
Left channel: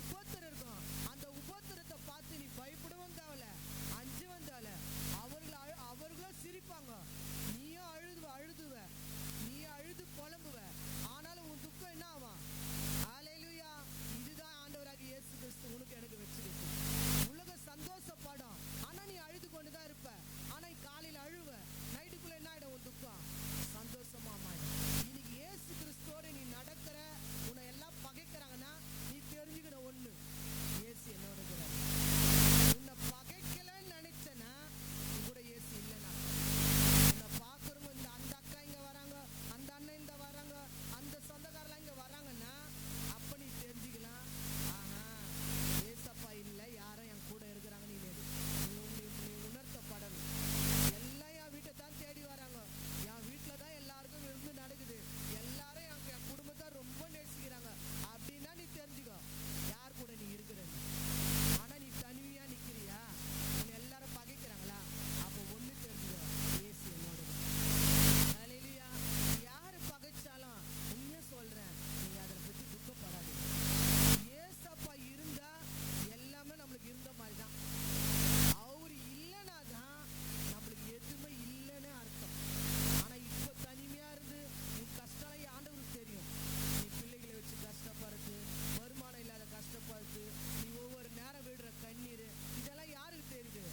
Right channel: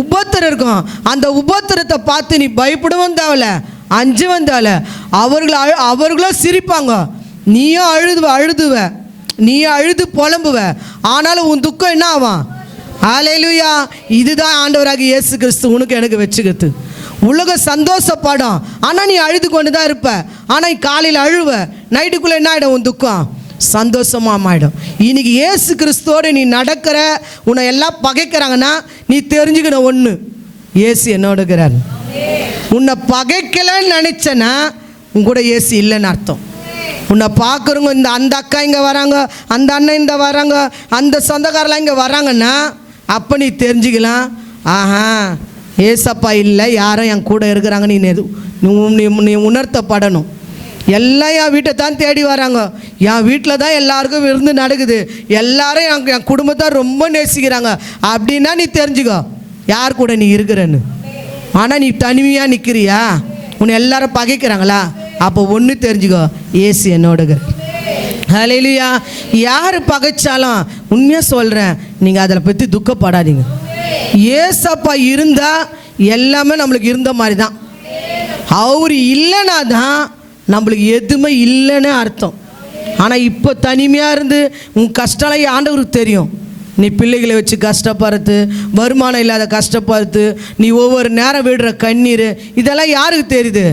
உபத்திரம் இருக்கும். அந்த உபத்திரத்தை பார்த்து நீ பயப்படவும் தேவையில்ல, அஞ்சவும் தேவையில்ல. அவர்களும் சிரிப்பாங்க, நீயும் அழுதுவ, நீயும் அழுது புலம்புவ, ஆனாலும் உன் துக்கம் என்ன ஆகும். ஹல்லேலூயா. இதுதான் ஆண்டவராக இயேசு கிறிஸ்து உனக்கு எனக்கு வச்சுக்கிறது. உலகம் சந்தோஷப்படும், ஆனால் நீ அழுது கொண்டு தான் இருப்ப. ஆனால் காலையில் அழுவ, நைட்டுக்குள்ளே என்ன ஆகிடும், உன் துக்கம் சந்தோஷமாக மாறிடும். இன்னைக்கு இயேசு கிறிஸ்துவோடு நீ நடக்கிற, உன்னை எல்லாம் பகைக்கிறாங்கன்னா நீ தெரிஞ்சுக்கணும் ஒன்று, இயேசு என்னோட இருக்கிறார். உன்னை பகைக்கலன்னு நினச்சேன்னா உன் கூட இயேசு இல்லைன்னு அர்த்தம். உன்னை பார்க்குறவங்க, இந்த அந்த அக்கா இங்கே வராங்க, அந்த அண்ணன் இந்த வராங்க, அந்த சொந்தக்காரெலாம் இங்கே வராங்கன்னா அப்போ நீ தெரிஞ்சுக்கலாம், ஆஹா ஏசப்பா இல்லை, யாரும் என் கூட இருக்கிறாங்க. நீ உணர்த்தப்படணும். எல்லாம் என் வீட்டை தான் தேடி வராங்க, என் வீட்டில் தான் எல்லாருக்கும் விருந்து நடக்குது, எல்லாரும் என் குடும்பத்தை ரொம்ப நேசிக்கிறாங்க அப்படின்னா நீ தெரிஞ்சுக்கோ யார் கூட நீ இருக்கிறன்னு. ஆனால் நீ தனிமையாக நிற்கிறியா, உன்னை எல்லாரும் பகைக்கிறாங்களா, அப்போ ஒன்று தெரிஞ்சுக்கோ, ஏசு என்னோட. ஹல்லேலூயா. யார் பகைச்சாலும் உண்மையாக சொல்கிறேன், நீங்கள் அதில் பற்றி துக்கப்படாதீங்க. ஏசப்பா இருந்தால் எல்லாமே நம்மளுக்கு இருந்த மாதிரி தான். அவர் இல்லைன்னா தான் நம்மளுக்கு எதுவுமே இல்லைன்னு அர்த்தம். ஆனால் இப்போ தனிமையாக இருந்து உன் கஷ்டம் ஆண்டவருக்கு தெரியும். நீ பிள்ளைகளை வச்சு கஷ்டப்படுறது, வருமானம் இல்லாத கஷ்டப்படுறது, நீ ஒவ்வொரு நேரம் விடுற கண்ணீர், இதெல்லாம் யாருக்கு தெரியுது,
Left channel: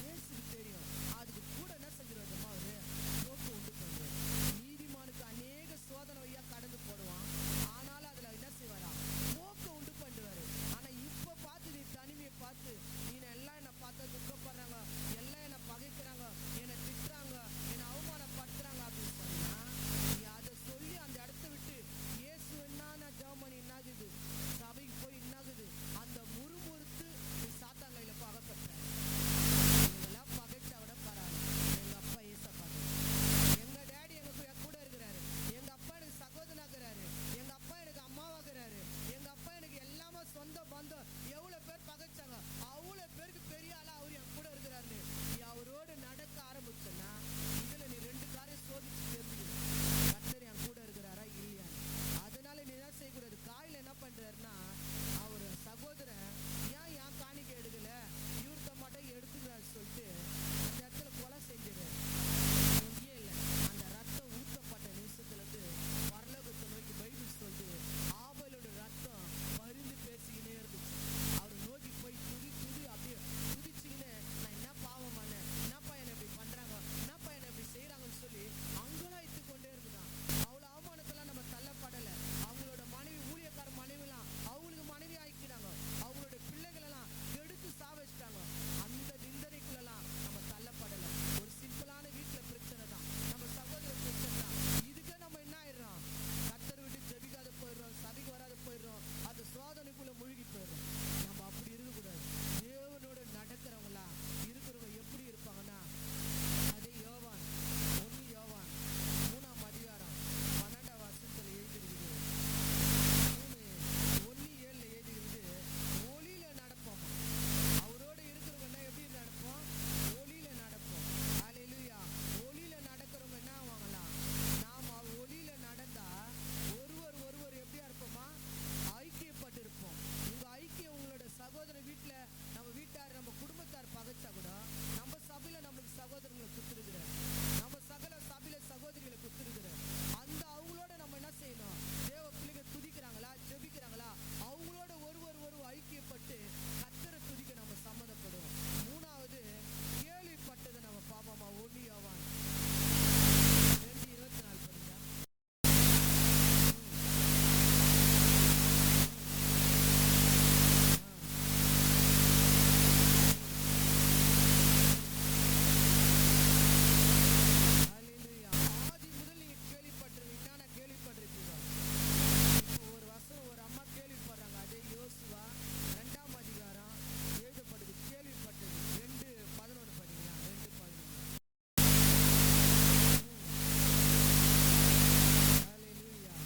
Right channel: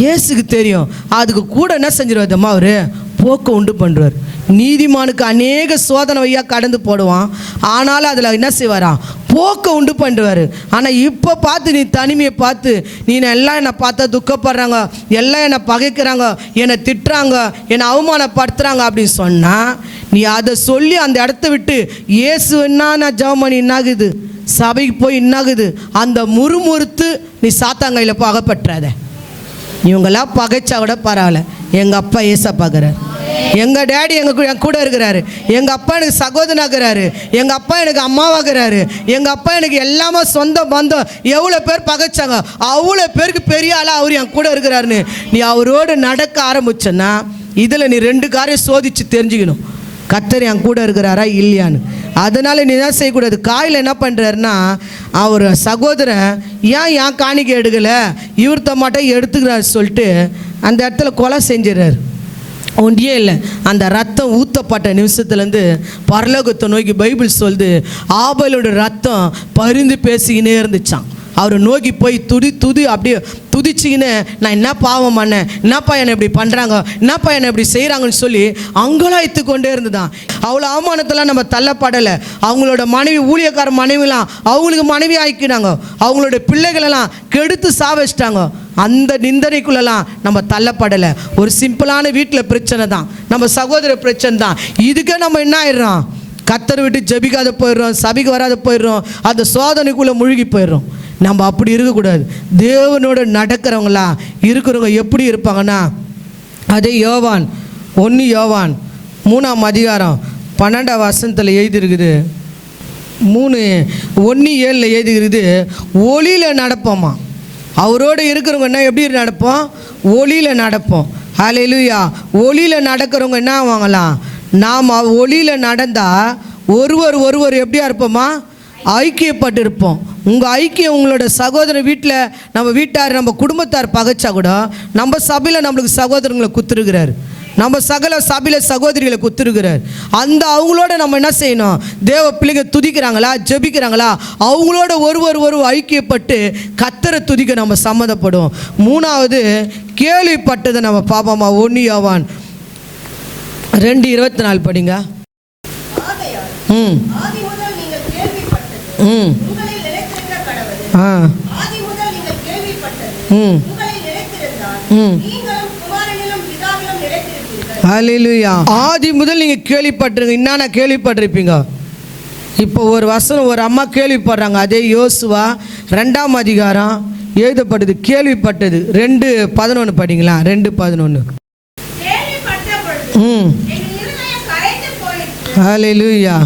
இயேசுக்கு தெரியும். அதுக்கு கூட என்ன செஞ்சிருவாதம்மா, அவர் போக்க உண்டு பண்ணுறார். நீதிமானுக்கு அநேக சோதனை வையா கடந்து போடுவான், ஆனாலும் அதில் என்ன செய்வாராம்? போக்க உண்டு பண்ணுவார். ஆனால் இப்போ பார்த்து நீ தனிமையை பார்த்து நீ எல்லாம் என்னை பார்த்தா துக்கப்படுறாங்க, எல்லாம் என்னை பகைக்கிறாங்க, என்னை திட்டுறாங்க, என்னை அவமானப்படுத்துகிறாங்க அப்படின்னு சொன்னால் நீ அதை சொல்லி அந்த இடத்த விட்டு இயேசு என்ன ஜெபம் பண்ணி என்னாகுது, சபைக்கு போய் என்னாகுது, அந்த முறுமுறுத்து நீ சாத்தாங்கையில் அகப்பற்றாத. இவங்கெல்லாம் பகைச்சா கூட பரவாயில்ல, எங்கள் அப்பா ஏசப்பாக்குறார், எங்கள் டேடி என் கூட இருக்கிறாரு, எங்கள் அப்பா எனக்கு சகோதரனாகிறாரு, எங்கள் அப்பா எனக்கு அம்மாவாகிறாரு, எங்கள் அப்பா எனக்கு எல்லாமே சொந்த பந்தம். எவ்வளோ பேர் பகைச்சாங்க, அவ்வளோ பேருக்கு பெரிய ஆளாக அவர் என் கூட இருக்கிறாருன்னு நீ அவரோடு நடக்க ஆரம்பிச்சன்னா இதில் நீ 2 காரியம் சோதித்து தெரிஞ்சுக்கணும், கர்த்தர் என் கூட இருக்கிறாரா இல்லையான்னு. அதனால் நீ என்ன செய்யக்கூடாது, காயில் என்ன பண்ணுறாருன்னா அவர் சகோதரன் ஏன் காணிக்கை எடுக்கலை, இவர்த்த மாட்டே எடுத்துக்கிறாரு சொல்லிட்டு அந்த இடத்துல கொலை செஞ்சிடறாரு. ஒன்றியே இல்லை, அந்த ரத்தம் ஊற்றப்பட்ட நிமிஷத்துலேருந்து பரலோகத்தை நோக்கி பைபிள் சொல்லுது ஆபேலோட ரத்தம் பரிந்து பேசிக்கினே இருந்துச்சான். அவரை நோக்கி போய் துதி அப்படியே துதிச்சிக்கின்னு நான் என்ன பாவம் பண்ணேன், என்னப்பா என்னை இப்படி பண்ணுறாங்க, என்னப்பா என்னை இப்படி செய்கிறாங்கன்னு சொல்லி அங்கலாய்த்து கொண்டே இருந்துதான். அவ்வளோ அவமானத்தெல்லாம் நம்ம தள்ளப்படலை. அவங்களோட மனைவி, ஊழியக்கார மனைவிலாம் அவங்களுக்கு மனைவி ஆக்கினாங்க, அவங்களோட பிள்ளைகளெல்லாம் கெடுத்து சாவச்சிட்டாங்க. அந்த நிந்தனைக்குள்ளெல்லாம் நம்ம தள்ளப்படலை. ஒரு சிம்பிளான வீட்டில் பிரச்சனை தான், நம்ம சகோதர பிரச்சனை தான். இதுக்கே நம்ம என்ன ஆயிடுறோம், கர்த்தரை விட்டு ஜெபிக்காத போயிடுறோம், சபைக்கு வராத போயிடுறோம், அந்த சோதனைக்குள்ளே முழுகி போயிடுறோம். நம்ம அப்படி இருக்கக்கூடாது. தேவனோட நடக்கிறவங்களா இருக்கிறவங்க எப்படி இருப்பாங்கன்னா, அதே யோவான் 1 யோவான் 3ஆம் அதிகாரம் 12ஆம் வசனத்தில் எழுதியிருக்குது, 3:1-7 எழுதியிருக்குது, ஒளியில் நடப்போமா. அவரோடு இருக்கிறவங்க என்ன எப்படி நடப்போம், ஒளியில் நடப்போம். ஹல்லேலூயா. ஒளியில் நடக்கிறவங்க என்ன ஆவாங்களாம், நாம் ஒளியில் நடந்தால் ஒருவர் எப்படியா இருப்போமா, ஐக்கியப்பட்டு இருப்போம். உங்கள் ஐக்கியம் உங்களோட சகோதர வீட்டில், நம்ம வீட்டார், நம்ம குடும்பத்தார் பகைச்சா கூட நம்ம சபையில் நம்மளுக்கு சகோதரங்களை குத்துருக்கிறார், நம்ம சபையில் சகோதரிகளை குத்துருக்கிறார். அந்த அவங்களோட நம்ம என்ன செய்யணும், தேவ பிள்ளைங்க துதிக்கிறாங்களா, ஜெபிக்கிறாங்களா, அவங்களோட ஒருவர் ஐக்கியப்பட்டு கர்த்தரை துதிக்க நம்ம சம்மதப்படும். 3வது கேள்விப்பட்டதை நம்ம பார்ப்போமா. 1 யோவான் 2:24 படிங்க. ஹல்லேலூயா. ஆதி முதல் நீங்கள் கேள்விப்பட்டிருங்க. என்னென்ன கேள்விப்பட்டிருப்பீங்க. இப்போ ஒரு வசனம் ஒரு அம்மா கேள்விப்படுறாங்க, அதே யோசுவா 2ஆம் அதிகாரம் எழுதப்பட்டது, கேள்விப்பட்டது. 2:11 படிங்களா. 2:11. ஹல்லேலூயா.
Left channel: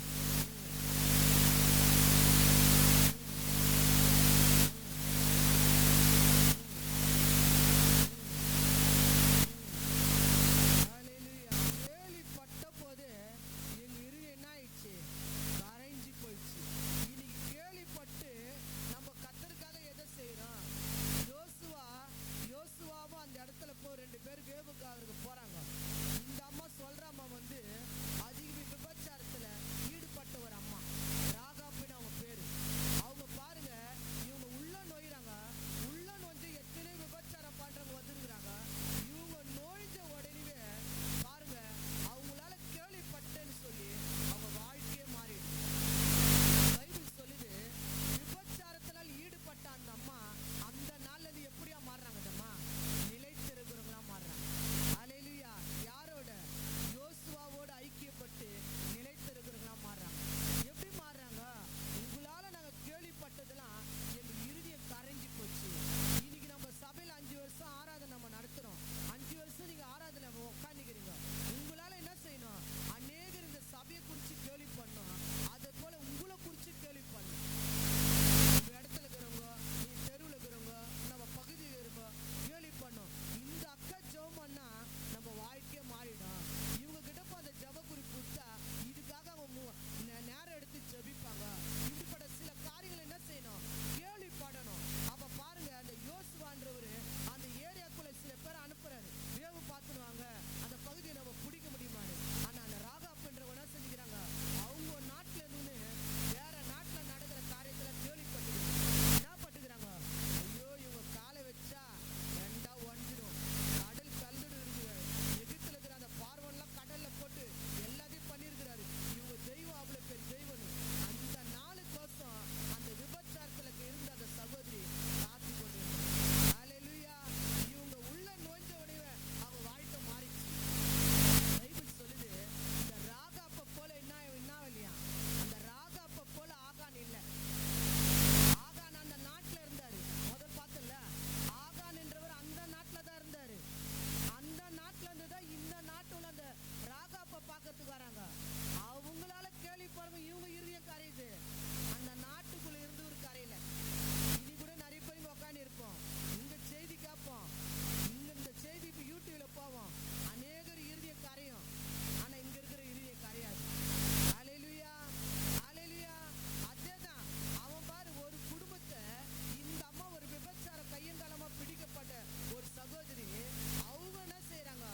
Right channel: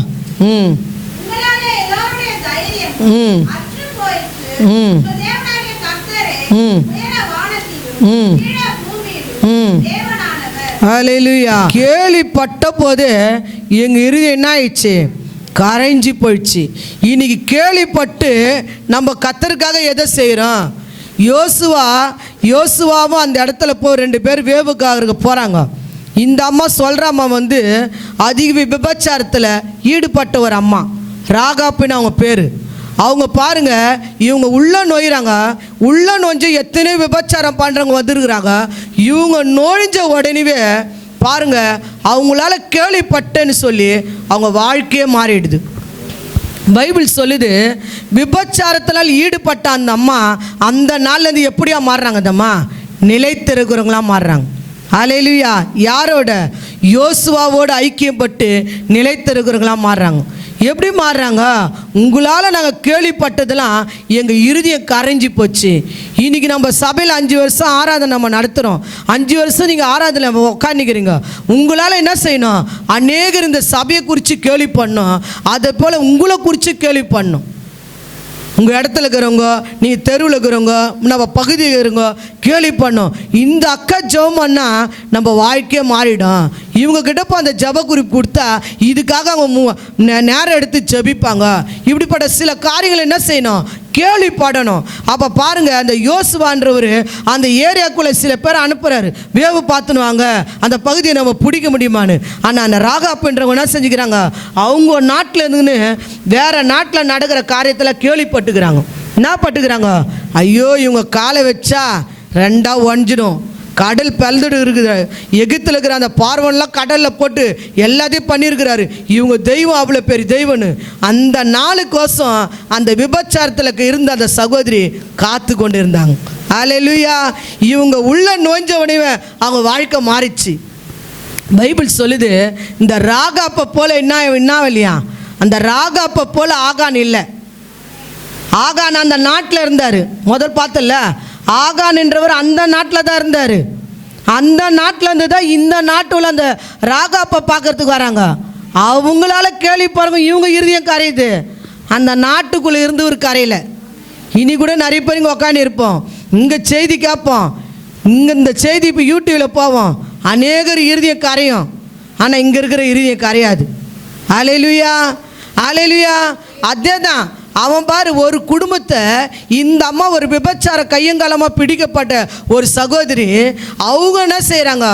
ஹல்லேலூயா. கேள்விப்பட்ட போது எங்கள் இருதயம் என்ன ஆயிடுச்சு, கரைஞ்சி போயிடுச்சு. இன்னைக்கு கேள்விப்பட்டு நம்ம கர்த்தருக்காக எதை செய்கிறோம். யோசுவாவும் அந்த இடத்துல போய் 2 பேர் வேவுக்காக போகிறாங்க. இந்த அம்மா சொல்கிற அம்மா அதிக விபச்சாரத்தில் ஈடுபட்ட ஒரு அம்மா, ராகாப்புன்னு அவங்க பேர். அவங்க பாருங்க, இவங்க உள்ள நோயிறாங்க, உள்ள நோஞ்சு எத்தனை விபச்சாரம் பண்ணுறவங்க வந்துருக்குறாங்க. இவங்க நோய்ஞ்ச உடனே பாருங்க, அவங்களால கேள்விப்பட்டேன்னு சொல்லி அவங்க வாழ்க்கையே மாறிடுது. பைபிள் சொல்லுது, விபச்சாரத்தினால் ஈடுபட்ட அந்த அம்மா அந்த நாள்லேருந்து எப்படியா மாறுறாங்க, அந்த அம்மா நிலைத்திருக்கிறவங்களாம் மாறுறாங்க. ஹல்லேலூயா. யாரோட, யோசுவாவோடு ஐக்கியப்பட்டு நிலைத்திருக்கிறவங்களாம் மாறுறாங்க. எப்படி மாறுறாங்க, உங்களால் நாங்கள் கேள்விப்பட்டதெல்லாம் எங்கள் இருதயம் கரைஞ்சி போச்சு. இன்றைக்கி நம்ம சபையில் 5 வருஷம் ஆராதனை நம்ம நடத்துகிறோம். 5 வருஷம் நீங்கள் ஆராதனை உட்காந்துக்கிறீங்க. உங்களால் என்ன செய்யணும், அநேகர் இந்த சபையை குறித்து கேள்வி பண்ணணும், அதை போல் உங்களை குறித்து கேள்வி பண்ணணும். உங்கள் இடத்துல இருக்கிறவங்க, நீங்கள் தெருவில் இருக்கிறவங்க, நம்ம பகுதியில் இருக்கிறவங்க கேள்வி பண்ணோம். இந்த அக்கா ஜெபம் பண்ணால் நம்ம வாழ்க்கையே மாறிடும். இவங்கக்கிட்ட இப்போ அந்த ஜெப குறிப்பு கொடுத்தா இதுக்காக அவங்க நேரம் எடுத்து ஜெபிப்பாங்க. இப்படிப்பட்ட சில காரியங்களை என்ன செய்யணும், கேள்விப்படணும். அப்போ பாருங்கள், அந்த யோசுவான்றவர் அந்த ஏரியாக்குள்ளே சில பேர் அனுப்புகிறாரு, வேவு பார்த்துன்னு வாங்க, அந்த பகுதியை நம்ம பிடிக்க முடியுமான்னு. ஆனால் அந்த ராகாப்புன்றவங்க என்ன செஞ்சுக்கிறாங்க, அவங்க நாட்டில் இருந்துன்னு வேறு நாட்டில் நடக்கிற காரியத்தில் கேள்விப்பட்டுக்கிறாங்க. என்ன பட்டுக்கிறாங்க, ஐயோ இவங்க காலை வச்சா 2ஆக ஒஞ்சிடும், கடல் பிளந்துட்டு இருக்குது. எகிப்தில் இருக்கிற அந்த பார்வன்லாம் கடலில் போட்டு எல்லாத்தையும் பண்ணியிருக்கிறாரு. இவங்க தெய்வம் அவ்வளோ பெரிய தெய்வம்னு அந்த நாளுக்கோசம் அந்த விபச்சாரத்தில் இருந்த அந்த சகோதரி காத்து கொண்டு இருந்தாங்க. அல்லேலூயா. இவங்க உள்ள நோஞ்சவனே அவங்க வாழ்க்கை மாறிச்சு. பைபிள் சொல்லுது, இந்த ராகாப்பை போல என்ன இல்லையா, அந்த ராகாப்பை போல ஆகான் இல்லை. ஆகான் அந்த நாட்டில் இருந்தார். முதல் பார்த்தல ஆகான் என்றவர் அந்த நாட்டில் தான் இருந்தார். அந்த நாட்டில் இருந்து தான் இந்த நாட்டுல அந்த ராகாப்பை பார்க்கறதுக்கு வராங்க. அவங்களால கேள்வி பாருங்க, இவங்க இருதயம் கரையுது. அந்த நாட்டுக்குள்ளே இருந்து ஒரு கரையில் இனி கூட நிறைய பேர் இங்கே உட்காந்து இருப்போம். இங்கே செய்தி கேட்போம், இங்கே இந்த செய்தி இப்போ யூடியூப்பில் போவோம். அநேகர் இருதயம் கரையும், ஆனால் இங்கே இருக்கிற இருதயம் கரையாது. அல்லேலூயா, அல்லேலூயா. அதே தான் அவன் பாரு, ஒரு குடும்பத்தை இந்த அம்மா ஒரு விபச்சார கையங்காலமாக பிடிக்கப்பட்ட ஒரு சகோதரி, அவங்க என்ன செய்கிறாங்க,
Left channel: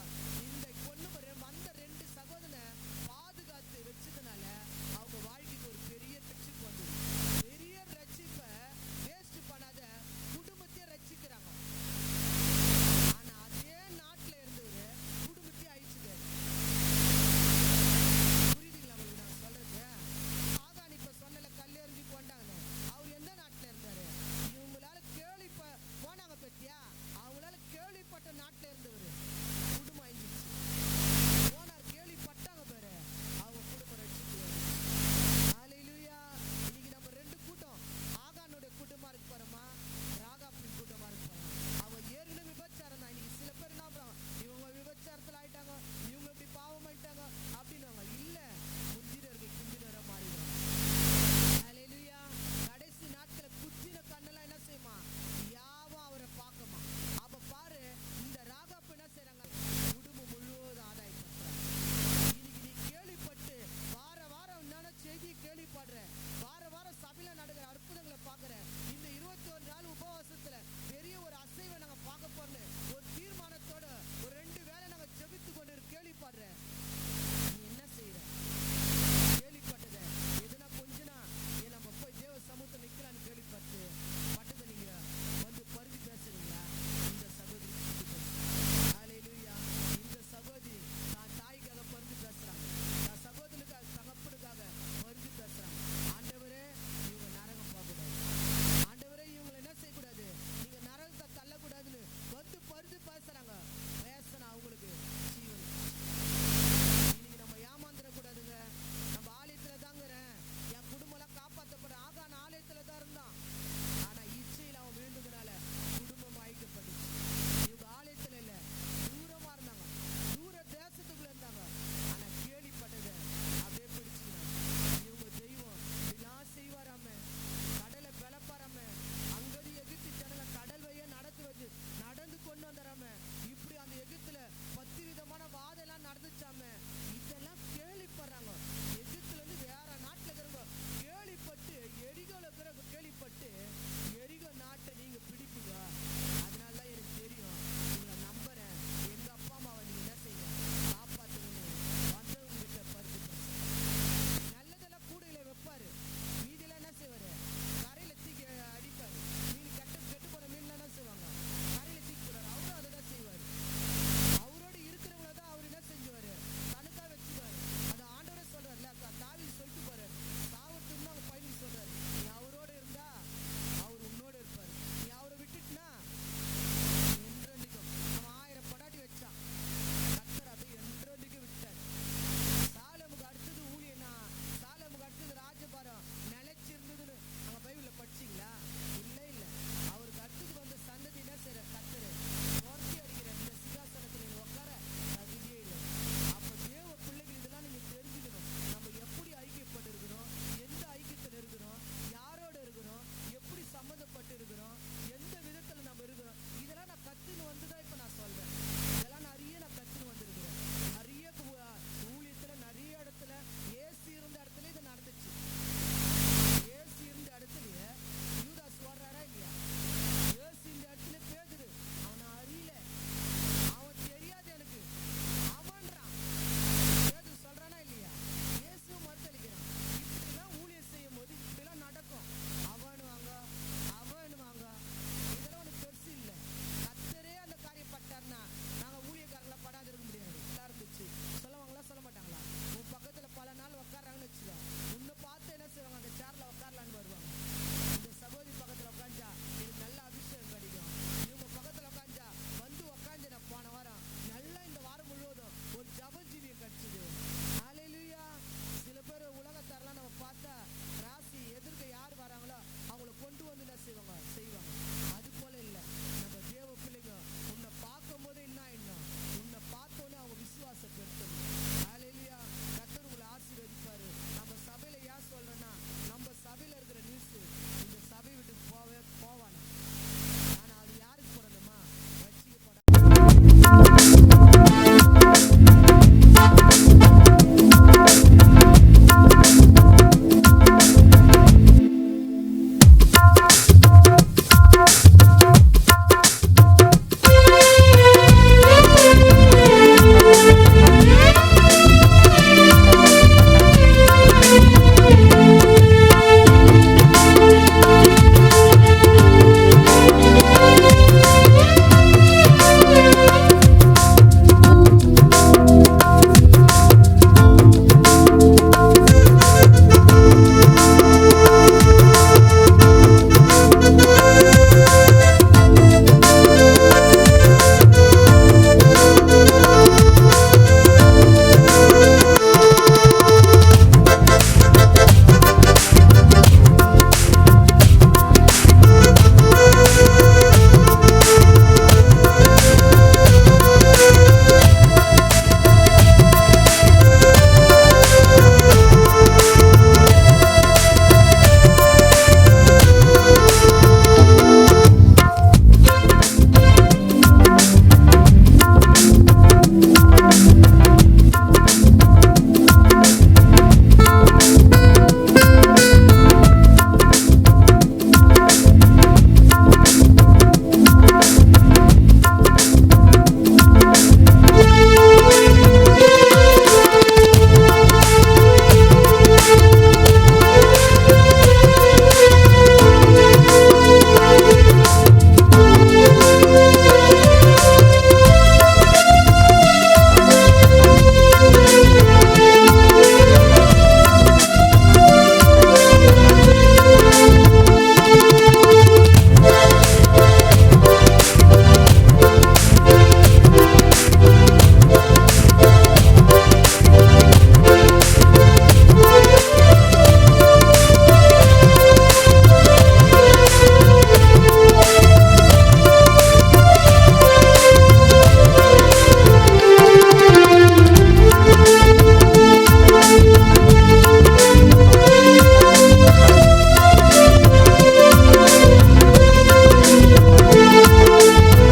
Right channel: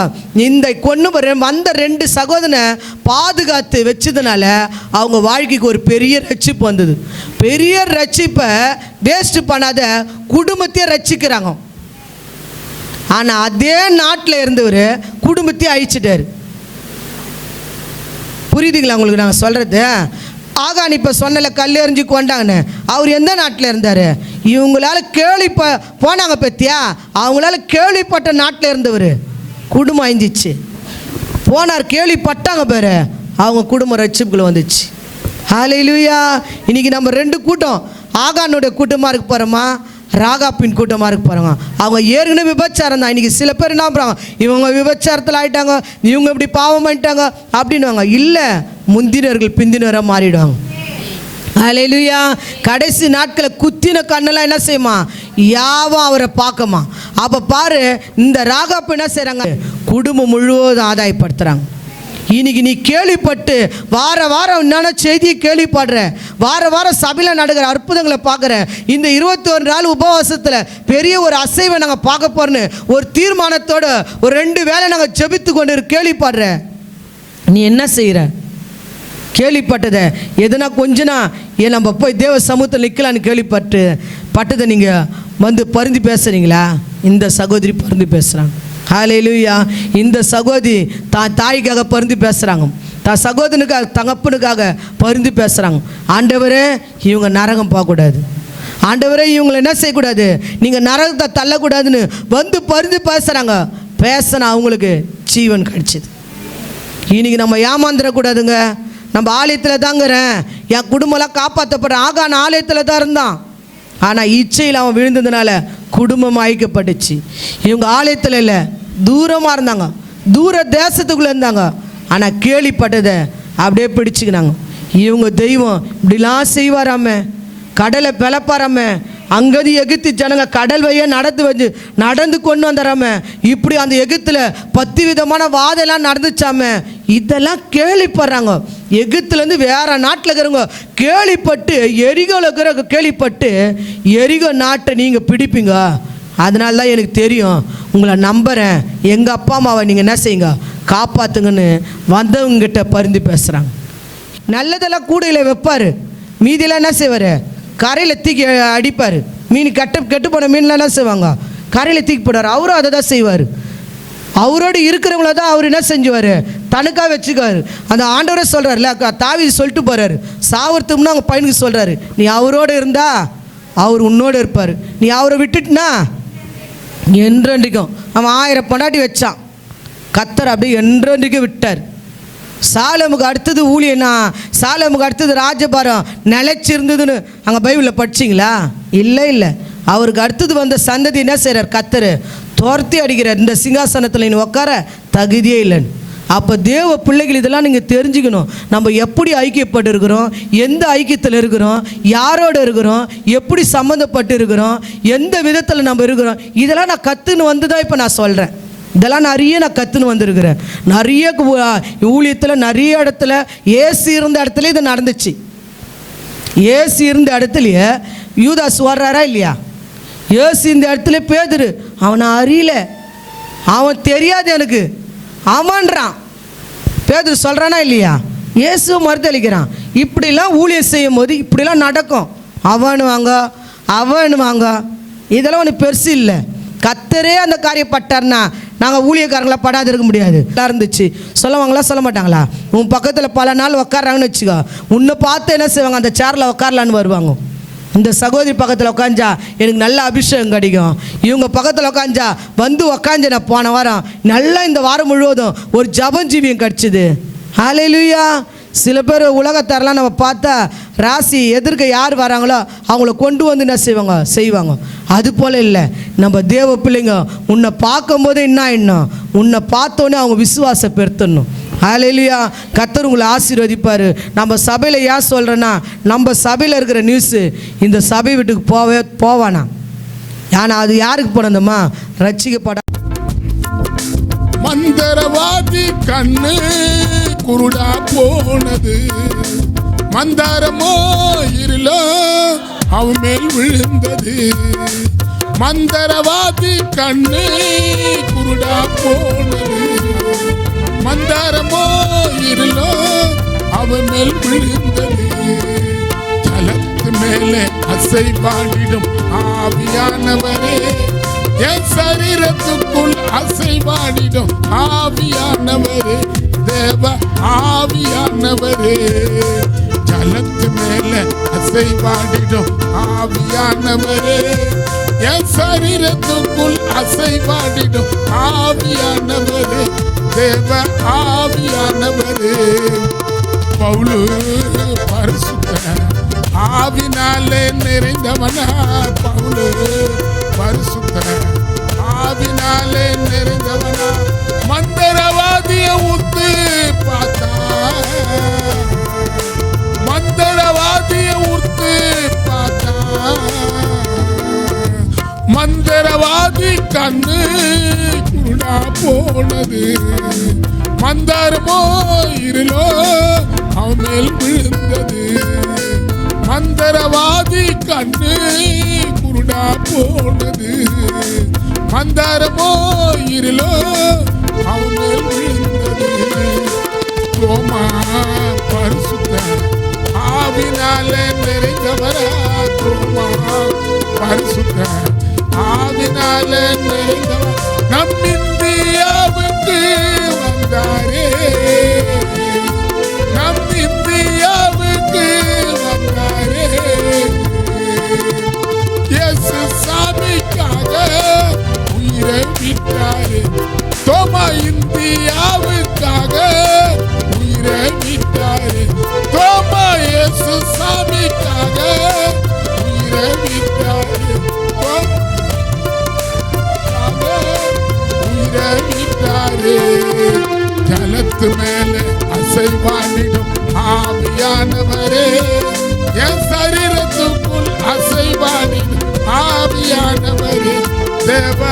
இந்த கொண்டு வந்த 2 சகோதரனை பாதுகாத்து வச்சதுனால அவங்க வாழ்க்கைக்கு ஒரு பெரிய ரட்சிப்பு வந்தது. பெரிய ரட்சிப்பை வேஸ்ட் பண்ணாத குடும்பத்தையே ரட்சிக்கிறாங்க. ஆனால் அதே நாட்டில் இருந்தவர் குடும்பத்தையே அழிச்சிட்டாரு. புரியுதுங்களா உங்களுக்கு நாங்கள் சொல்கிறது? ஆகான் இப்போ சொன்னல கல்லெறிஞ்சு கொண்டாங்கன்னு, அவர் எந்த நாட்டில் இருந்தார்? இவங்களால போனாங்க பத்தியா, அவங்களால கேள்விப்பட்ட நாட்டில் இருந்தவர் குடும்பம் அழிஞ்சிச்சு. போனார், கேள்விப்பட்டாங்க பேர், அவங்க குடும்பம் ரட்சிப்புக்குள்ள வந்துச்சு. ஹல்லேலூயா. இன்னைக்கு நம்ம 2 கூட்டம், ஆகானுடைய கூட்டமாக இருக்க போகிறோமா, ராகாப்பின் கூட்டமாக இருக்க போகிறாங்க. அவங்க ஏற்கனவே விபச்சாரம் தான். இன்றைக்கி சில பேர் என்ன பண்ணுறாங்க, இவங்க விபச்சாரத்தில் ஆகிட்டாங்க, இவங்க இப்படி பாவம் பண்ணிட்டாங்க அப்படின்வாங்க. இல்லை, முந்தினர்கள் பிந்தினராக மாறிடுவாங்க. அல்லேலூயா. கடைசி நாட்களை குத்தின கண்ணெல்லாம் என்ன செய்யுமா, யாவும் அவரை பார்க்கமா. அப்போ பாரு, இந்த ராகாப்பு என்ன செய்கிறாங்க, குடும்பம் முழுவதும் ஆதாயப்படுத்துகிறாங்க. இன்னைக்கு நீ கேள்விப்பட்டு வார வாரம் என்னென்ன செய்தியை கேள்விப்படுற, வார வாரம் சபையில் நடக்கிற அற்புதங்களை பார்க்குற, இந்த 21 நாள் உபவாசத்தில் பெரிய ஒரு அசைவை நாங்கள் பார்க்க போகிறோன்னு ஒரு தீர்மானத்தோடு ஒரு 2 வேளை நாங்கள் ஜெபித்து கொண்டு கேள்விப்படுற, நீ என்ன செய்கிற? கேள்விப்பட்டதை எதுனா கொஞ்சனா நம்ம போய் தேவ சமூகத்தில் நிற்கலான்னு கேள்விப்பட்டதை நீங்கள் வந்து பரிந்து பேசுகிறீங்களா? இந்த சகோதரி பரிந்து பேசுகிறாங்க. ஹல்லேலூயா. இந்த சகோதரி தான் தாய்க்காக பரிந்து பேசுகிறாங்க, தான் சகோதரனுக்காக தகப்பனுக்காக பரிந்து பேசுகிறாங்க. ஆண்டவரே, இவங்க நரகம் போகக்கூடாது, ஆண்டவரே இவங்களை என்ன செய்யக்கூடாது, நீங்கள் நரகத்தை தள்ளக்கூடாதுன்னு வந்து பரிந்து பேசுகிறாங்க. பேசினா அவங்களுக்கு ஜீவன் கிடைச்சிது. இன்றைக்கி நம்ம ஏமாந்துடக்கூடாதுங்க. நம்ம ஆலயத்தில் தாங்கிறேன், என் குடும்பம்லாம் காப்பாற்றப்படுறேன். ஆகான் ஆலயத்தில் தான் இருந்தான், ஆனால் இச்சையில் அவன் விழுந்ததுனால குடும்பம் அழிக்கப்பட்டுச்சு. இவங்க ஆலயத்தில் இல்லை, தூரமாக இருந்தாங்க, தூர தேசத்துக்குள்ளே இருந்தாங்க. ஆனால் கேள்விப்பட்டதை அப்படியே பிடிச்சிக்கினாங்க. இவங்க தெய்வம் இப்படிலாம் செய்வாராம, கடலை பிளப்பாராம, அங்கேருந்து எகிப்து ஜனங்க கடல் வழியாக நடந்து கொண்டு வந்துடாம, இப்படி அந்த எகிப்தில் 10 விதமான வாதெல்லாம் நடந்துச்சாம. இதெல்லாம் கேள்விப்படுறாங்க. எகிப்துலேருந்து வேறு நாட்டில் இருக்கிறவங்க கேள்விப்பட்டு, எரிகோவில் இருக்கிற கேள்விப்பட்டு, எரிகோ நாட்டை நீங்கள் பிடிப்பீங்க, அதனால தான் எனக்கு தெரியும், உங்களை நம்புகிறேன், எங்கள் அப்பா அம்மாவை நீங்கள் என்ன செய்யுங்க, காப்பாற்றுங்கன்னு வந்தவங்ககிட்ட பரிந்து பேசுகிறாங்க. நல்லதெல்லாம் கூடையில் வைப்பார், மீதியெல்லாம் என்ன செய்வார், கரையில் தூக்கி அடிப்பார். மீன் கெட்டு போன மீன்லாம் என்ன செய்வாங்க, கரையில் தூக்கி போடுவார். அவரும் அதை தான் செய்வார். அவரோடு இருக்கிறவங்கள தான் அவர் என்ன செஞ்சுவார், தனக்காக வச்சுக்குவார். அந்த ஆண்டவரே சொல்கிறார்ல, தாவீது சொல்லிட்டு போகிறாரு, சாவர்த்தும்னா அவங்க பையனுக்கு சொல்கிறாரு, நீ அவரோடு இருந்தா அவர் உன்னோடு இருப்பார், நீ அவரை விட்டுட்டுனா என்றென்றைக்கும். அவன் 1000 பொண்டாட்டி வச்சான், கத்தர் அப்படியே என்றென்றைக்கும் விட்டார். சாலமுக்கு அடுத்தது ஊழியனா, சாலமுக்கு அடுத்தது ராஜபாரம் நிலைச்சிருந்ததுன்னு அங்கே பைபிளில் படிச்சிங்களா? இல்லை. அவருக்கு அடுத்தது வந்த சந்ததி என்ன செய்கிறார், கத்தர் துரத்தி அடிக்கிறார், இந்த சிங்காசனத்தில் நீ உட்கார தகுதியே இல்லைன்னு. அப்போ தேவ பிள்ளைகள் இதெல்லாம் நீங்கள் தெரிஞ்சுக்கணும். நம்ம எப்படி ஐக்கியப்பட்டு இருக்கிறோம், எந்த ஐக்கியத்தில் இருக்கிறோம், யாரோடு இருக்கிறோம், எப்படி சம்மந்தப்பட்டு இருக்கிறோம், எந்த விதத்தில் நம்ம இருக்கிறோம், இதெல்லாம் நான் கற்றுன்னு வந்து தான் இப்போ நான் சொல்கிறேன். இதெல்லாம் நிறைய நான் கற்றுன்னு வந்திருக்கிறேன். நிறைய ஊழியத்தில் நிறைய இடத்துல ஏசு இருந்த இடத்துல இது நடந்துச்சு. ஏசு இருந்த இடத்துலையே யூதாஸ் வர்றாரா இல்லையா? ஏசு இந்த இடத்துல பேதுரு, அவனை அறியல, அவன் தெரியாது எனக்கு, அவன்றான். பேதுரு சொல்கிறானா இல்லையா? இயேசு மறுதளிக்கிறான். இப்படிலாம் ஊழியம் செய்யும் போது இப்படிலாம் நடக்கும். அவனு வாங்க, இதெல்லாம் ஒன்று பெருசு இல்லை. கத்தரே அந்த காரியம் பட்டார்னா நாங்கள் ஊழியக்காரங்களா படாது இருக்க முடியாது. நல்லா இருந்துச்சு சொல்லுவாங்களா சொல்ல மாட்டாங்களா? உன் பக்கத்தில் பல நாள் உட்காராங்கன்னு வச்சுக்கோ, உன்னை பார்த்து என்ன செய்வாங்க, அந்த சேரில் உட்காரலான்னு வருவாங்க. இந்த சகோதரி பக்கத்தில் உட்காந்தா எனக்கு நல்ல அபிஷேகம் கிடைக்கும், இவங்க பக்கத்தில் உட்காந்தா வந்து உட்காந்து நான் போன வாரம் நல்லா இந்த வாரம் முழுவதும் ஒரு ஜபஞ்சீவியம் கிடச்சிது. ஹல்லேலூயா. சில பேர் உலகத்தாரெலாம் நம்ம பார்த்தா ராசி எதிர்க்க யார் வராங்களோ அவங்கள கொண்டு வந்து என்ன செய்வாங்க. அது போல் இல்லை, நம்ம தேவ பிள்ளைங்க உன்னை பார்க்கும்போது என்ன உன்னை பார்த்தோன்னே அவங்க விசுவாசம் பெருத்தணும். ஹல்லேலூயா. கர்த்தர் உங்களை ஆசீர்வதிப்பார். நம்ம சபையில் ஏன் சொல்கிறேன்னா, நம்ம சபையில் இருக்கிற நியூஸு இந்த சபை வீட்டுக்கு போவானா? ஏன்னா அது யாருக்கு போனதுமா? ரட்சிக்கப்பட மந்தரவாதி கண்ணு குருடா போனது, மந்தாரமோ இருளோ அவன் மேல் விழுந்தது. மந்தரவாதி கண்ணு குருடா போனது, மந்தாரமோ இருளோ அவன் மேல் விழுந்தது. மேலே அசைவாடிடும் ஆவியானவரே, என் சரீரத்துக்குள் அசைவாடிடும் ஆவியானவரே, தேவ ஆவியானவரே. ஜலத்து மேலே அசைவாடிடும் ஆவியானவரே, என் சரீரத்துக்குள் அசைவாடிடும் ஆவியானவரே, தேவ ஆவியானவரே. பவுலு பரிசுத்தர், ஆவினாலே நிறைந்தவனா, பரிசுத்தர், ஆவினாலே நிறைந்தவனா. மந்தரவாதியை உத்து பார்த்தார், மந்தரவாதியை உத்து பார்த்தார். மந்தரவாதி கண்ணு குருடா போனது, மந்தாரமோ இருளோ அவன் மேல் விழுந்தது. மந்தரவாதி கண்ணு குருடா போனது, மந்தாரமோ இருளோ அவன் மேல் விழுந்தது. ஆவினாலே நிறைந்தவரா, ஆவினாலே நம் இந்தியாவுக்கு வந்தாரே, நம் இந்தியாவுக்கு வந்தாரே. இயேசு சாமிக்காக இறங்கிட்டாரே, தோமா இந்தியாவுக்காக இறங்கிட்டாரே, தோமா இயேசு சாமிக்காக ஜலத்து மேலே அசைவாடிடும் ஆவியானவரே, என் சரீரத்துக்குள் அசைவாடிடும் ஆவியானவரே, தேவ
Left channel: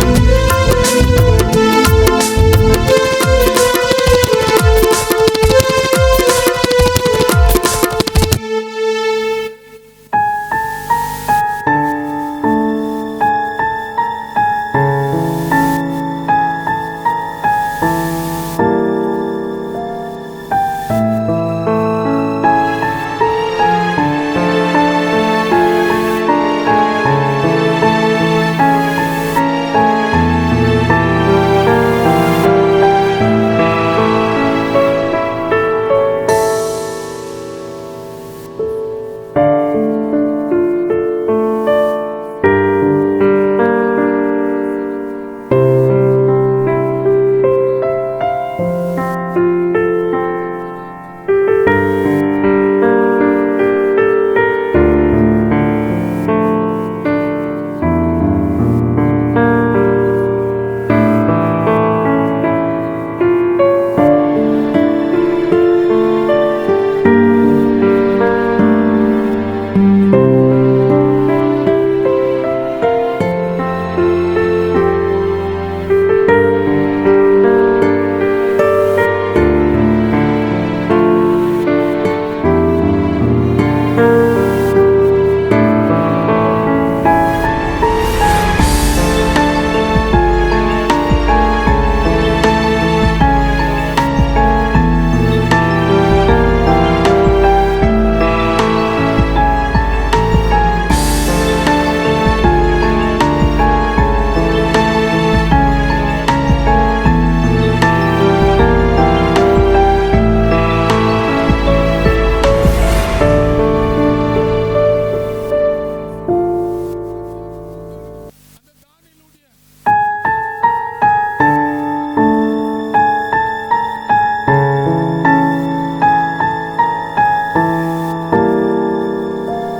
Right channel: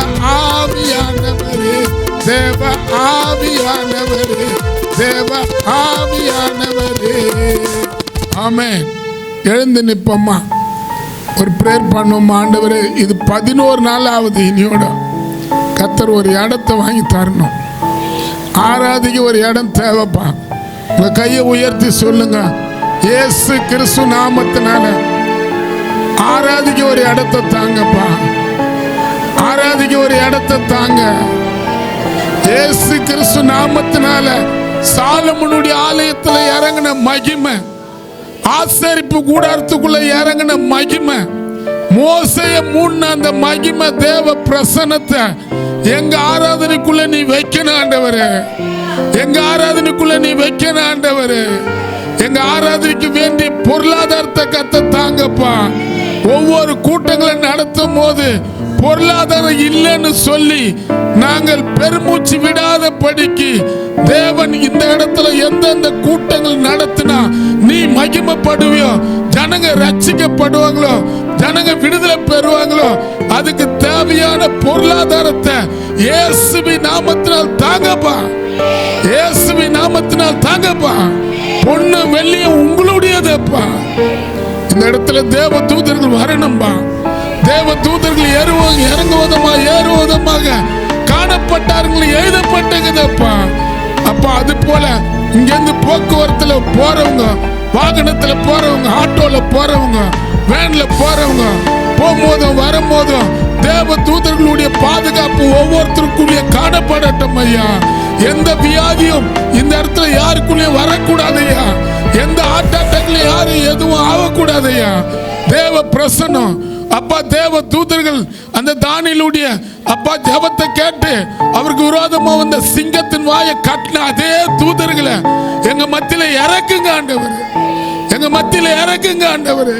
ஆவியானவரே, தேவ ஆவியானவரே, தேவ ஆவியானவரே. ஆமென். எழுந்து நிப்போம்மா, ஒரு பிரேயர் பண்ணுவோம். ஆண்டவரே, இது 11 நாள் ஆகுது, இனியோட கர்த்தர் ஒரு இடத்தை வாங்கி தரணும். ஆராதிக்க ஒரு இடம் தேவைப்பா. உங்க கையை உயர்த்தி சொல்லுங்க, இயேசு கிறிஸ்து நாமத்தினால ஆராதிக்க ஒரு இடத்தை தாங்கப்பா, ஆராதிக்க ஒரு இடத்தை தாங்க. இயேசு கிறிஸ்து நாமத்தினால சாலமோனுடைய ஆலயத்துல இறங்கின மகிமை, ஆசரிப்பு கூடாரத்துக்குள்ள இறங்கின மகிமை, மோசைய மூணு அந்த மகிமை, தேவ பிரசன்னத்தை எங்க ஆராதனைக்குள்ள நீ வைக்கணும் ஆண்டவரே, எங்க ஆராதனைக்குள்ள நீ வைக்கணும் ஆண்டவரே. எங்க ஆராதனைக்கு வேண்டிய பொருளாதாரத்தை கத்த தாங்கப்பா. ஒவ்வொரு கூட்டங்களை நடத்தும் போது பொருளாதாரம் இல்லைன்னு சொல்லி நாங்கள் பெருமூச்சு விடாத படிக்கு தேவன் இந்த இடத்துல எந்தெந்த கூட்டங்கள் நடத்தினா நீ மகிமைப்படுவியோ, ஜனங்க ரட்சிக்கப்படுவாங்களோ, ஜனங்க விடுதலை பெறுவாங்களோ, அதுக்கு தேவையான பொருளாதாரத்தை இயேசுவின் நாமத்தினால் தாங்கப்பா, இயேசுவின் நாமத்தினால் தாங்கப்பா. பொண்ணு வெள்ளிய உங்களுடையதுப்பா. இந்த இடத்துல தேவ தூதர்கள் வரணும்பா, தேவ தூதர்கள் ஏறுவதமாக காணப்பட்டார்கள், எழுதப்பட்டதுப்பா. அப்பா அது போல இங்கிருந்து போக்குவரத்துல போறவங்க, வாகனத்துல போறவங்க, ஆட்டோல போறவங்க, வேன்ல போறவங்க, போகும்போதும் வரும்போதும் தேவ தூதர்களுடைய பாதுகாப்பு ஒவ்வொருத்தருக்குரிய காணப்பட தானியேலுடைய அப்பா ஜெபத்தை கேட்டு அவருக்கு விரோதமா வந்த சிங்கத்தின் வாயை கட்டின அதே தூதர்களை எங்க மத்தியில இறக்குங்க ஆண்டவர், எங்க மத்தியில இறக்குங்க ஆண்டவர்.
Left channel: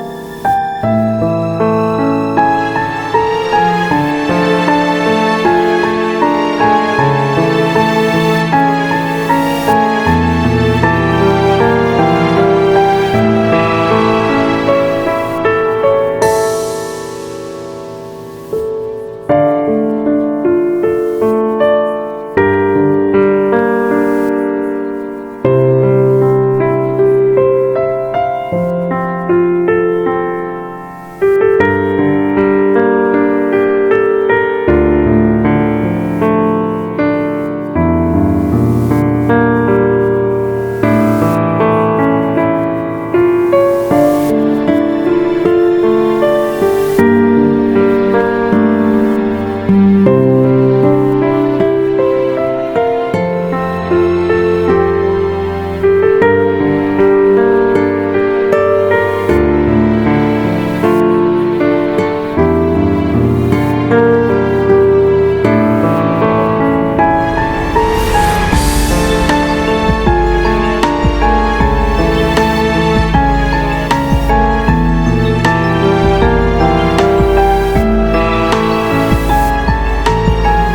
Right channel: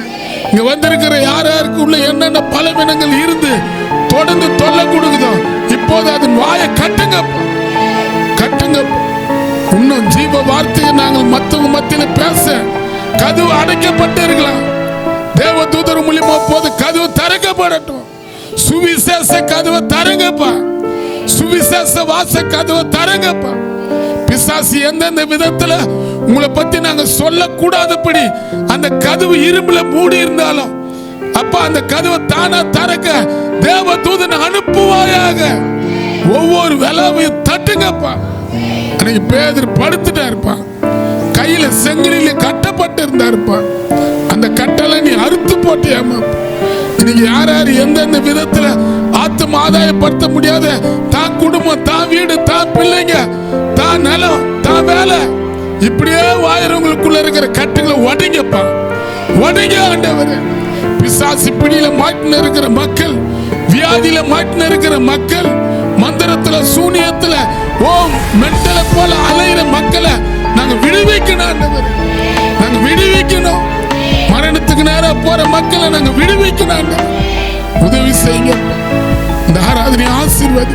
இங்க வந்திருக்கிற யாருக்கு உள்ள என்னென்ன பலவீனங்கள் இருந்து தொடர்ந்து தொல்லை கொடுக்குதோ இப்போது அதன் வாயை கட்டுங்க, கட்டுங்க. இன்னும் ஜீவ வார்த்தையை நாங்கள் மற்றவங்க மத்தியில பேச கதவு அடைக்கப்பட்டு இருக்கலாம். தேவ தூதர் மூலியமா போது கதவு திறக்கப்படட்டும். சுவிசேஷ கதவை தரங்கப்பா, சுவிசேஷ வாச கதவை தரங்கப்பா. பிசாசு எந்தெந்த விதத்துல உங்களை பத்தி நாங்க சொல்லக்கூடாதபடி அந்த கதவு இரும்புல மூடி இருந்தாலும் அப்பா அந்த கதவை தானா தரங்க தேவ தூதனை அனுப்புவாயாக. ஒவ்வொரு வேலையும் தட்டுங்கப்பா. அன்னைக்கு பேதர் படுத்துட்டா இருப்பான், கையில செங்கலில கட்டப்பட்டு இருந்தா இருப்பான். அந்த கட்டளை நீ அறுத்து போட்டியாமா. இன்னைக்கு யார் யார் எந்தெந்த விதத்துல ஆத்தும ஆதாயப்படுத்த முடியாத தான் குடும்பம், தான் வீடு, தான் பிள்ளைங்க, தான் நிலம், தான் வேலை, இப்படியே வாயிரவங்களுக்குள்ள இருக்கிற கட்டுகளை உடைங்கப்பா, உடைங்க ஆண்டவரே. பிசாசு பிடியில மாட்டின இருக்கிற மக்கள், வியாதியில மாட்டின இருக்கிற மக்கள், மந்திரத்துல சூனியத்துல மென்டல போல அலையிற மக்களை நாங்க விடுவிக்கணும் ஆண்டவரே, நாங்க விடுவிக்கணும். மரணத்துக்கு நேரம் போற மக்களை நாங்க விடுவிக்கணும். உதவி செய்யுங்க. இந்த ஆராதனை ஆசீர்வாதி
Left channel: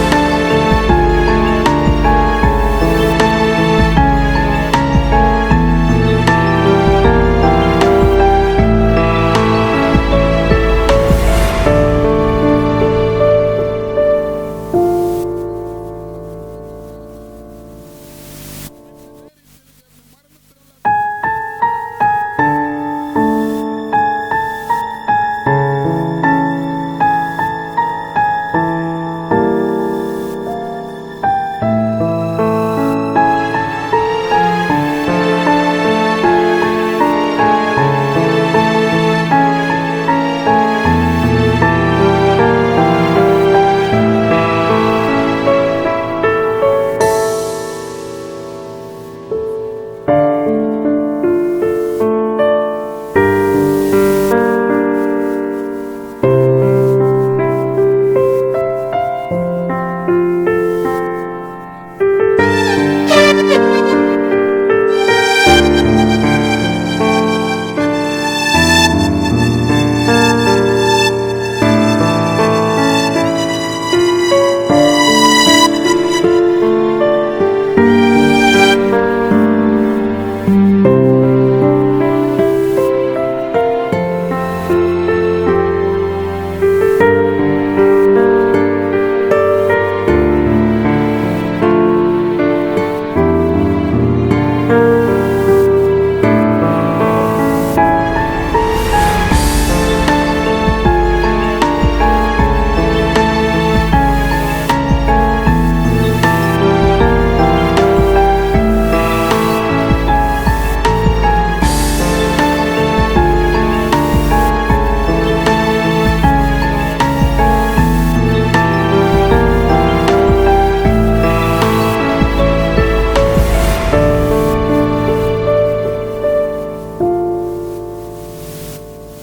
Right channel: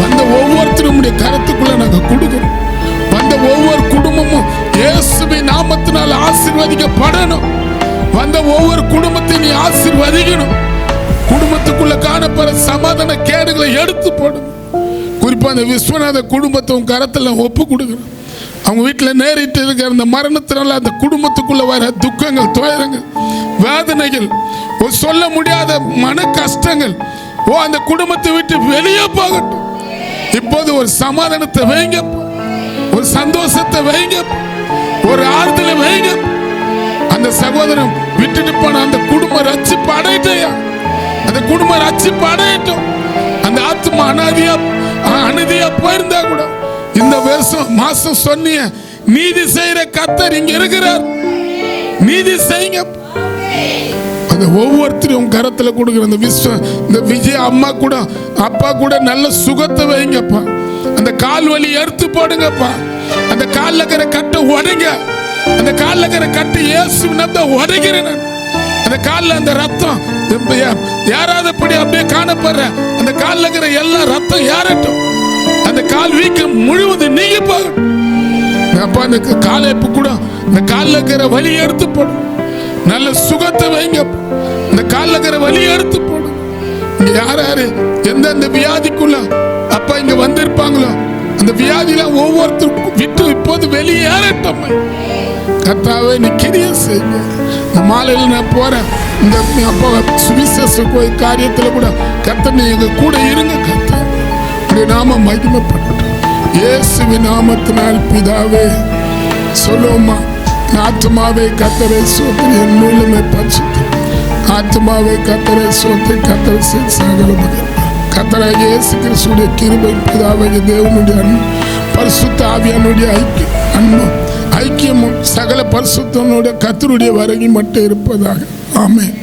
வந்த ஒவ்வொருத்தரும் கருத்துக்குள்ள நாங்க கொடுக்கிறோம். வந்த ஒவ்வொரு குடும்பமும் இயேசுவின் நாமத்தினால் ஆசீர்வதிக்கப்படணும். வந்த ஒவ்வொரு குடும்பத்தையும் நீ ஆசீர்வதிக்கணும். குடும்பத்துக்குள்ள காணப்படுற சமாதான கேடுகளை எடுத்து போடும். குறிப்பா அந்த விஸ்வநாத குடும்பத்தை உன் கரத்துல ஒப்பு கொடுக்கணும். அவங்க வீட்டில் நேரிட்டு இருக்கிற அந்த மரணத்தினால அந்த குடும்பத்துக்குள்ள வர துக்கங்கள், துயரங்கள், வேதனைகள், சொல்ல முடியாத மன கஷ்டங்கள் அந்த குடும்பத்தை விட்டு வெளியே போகட்டும். இப்போது ஒரு சமாதானத்தை வைங்க, ஒரு சந்தோஷத்தை வைங்க, ஒரு ஆறுதலை வைங்க. அந்த சகோதரன் விட்டுட்டு போன அந்த குடும்பம் ரட்சிப்பு அடையட்டும், அந்த குடும்பம் ரட்சிப்பு அடையட்டும். அந்த ஆத்மா அநீதியா போயிருந்தா கூட இந்த வருஷம் மாசம் சொன்னிய நீதி செய்யற கர்த்தர் இங்க இருக்கிறார். நீதி செய்யுங்க. அந்த ஒவ்வொருத்தரும் கரத்துல கொடுக்குற அந்த இந்த விஜய் அம்மா கூட அப்பா கூட நல்ல சுகத்தை வைங்கப்பா. அந்த கால் வலி எடுத்து போடுங்கப்பா. அந்த கால்ல இருக்கிற கட்டை உடைங்க. அந்த கால்ல இருக்கிற கட்டை இயேசு நாமத்தில் உடைக்கிறேன். அந்த கால்ல அந்த ரத்தம் யாராவது அப்படியே காணப்படுற அந்த கால்ல இருக்கிற எல்லா ரத்தம் யாரட்டும். அந்த கால் வீக்கம் முழுவதும் நீங்க போகட்டும். அந்த காலைப்பு கூட அந்த கால்ல இருக்கிற வலி எடுத்து போடும். நல்ல சுகத்தை வைங்க. இந்த கால்ல இருக்கிற வலி எடுத்து போடும். யாரு எந்தெந்த வியாதிக்குள்ள அப்பா இங்க வந்திருப்பாங்களோ அந்த வியாதியில ஒவ்வொருத்தருக்கும் விட்டு இப்போது வெளியேறட்டும். கர்த்தாவே நீ கிரியை செய்யுங்க. இந்த மாலையில நான் போறேன். இந்த அப்பா சுவிசேஷ காரியத்துல கூட கர்த்தர் எங்க கூட இருங்க. கர்த்தர் இந்த நாமம் மகிமைப்படட்டும். இயேசுவின் நாமத்தினால் பிதாவே. சொல்லுமா, ஆத்மாவே கர்த்தரை சோதனை, என் மூலமே பரிசுத்தம். ஆத்மாவே கர்த்தரை சோதனை, கர்த்தர் சகல கர்த்தராகிய இயேசு கிறிஸ்துவின் கிருபை, பிதாவாகிய தேவனுடைய பரிசுத்த ஆவியானுடைய ஐக்கியமும் சகல பரிசுத்தனுடைய கர்த்தருடைய வருகை மட்டும் இருப்பதாக. ஆமென்.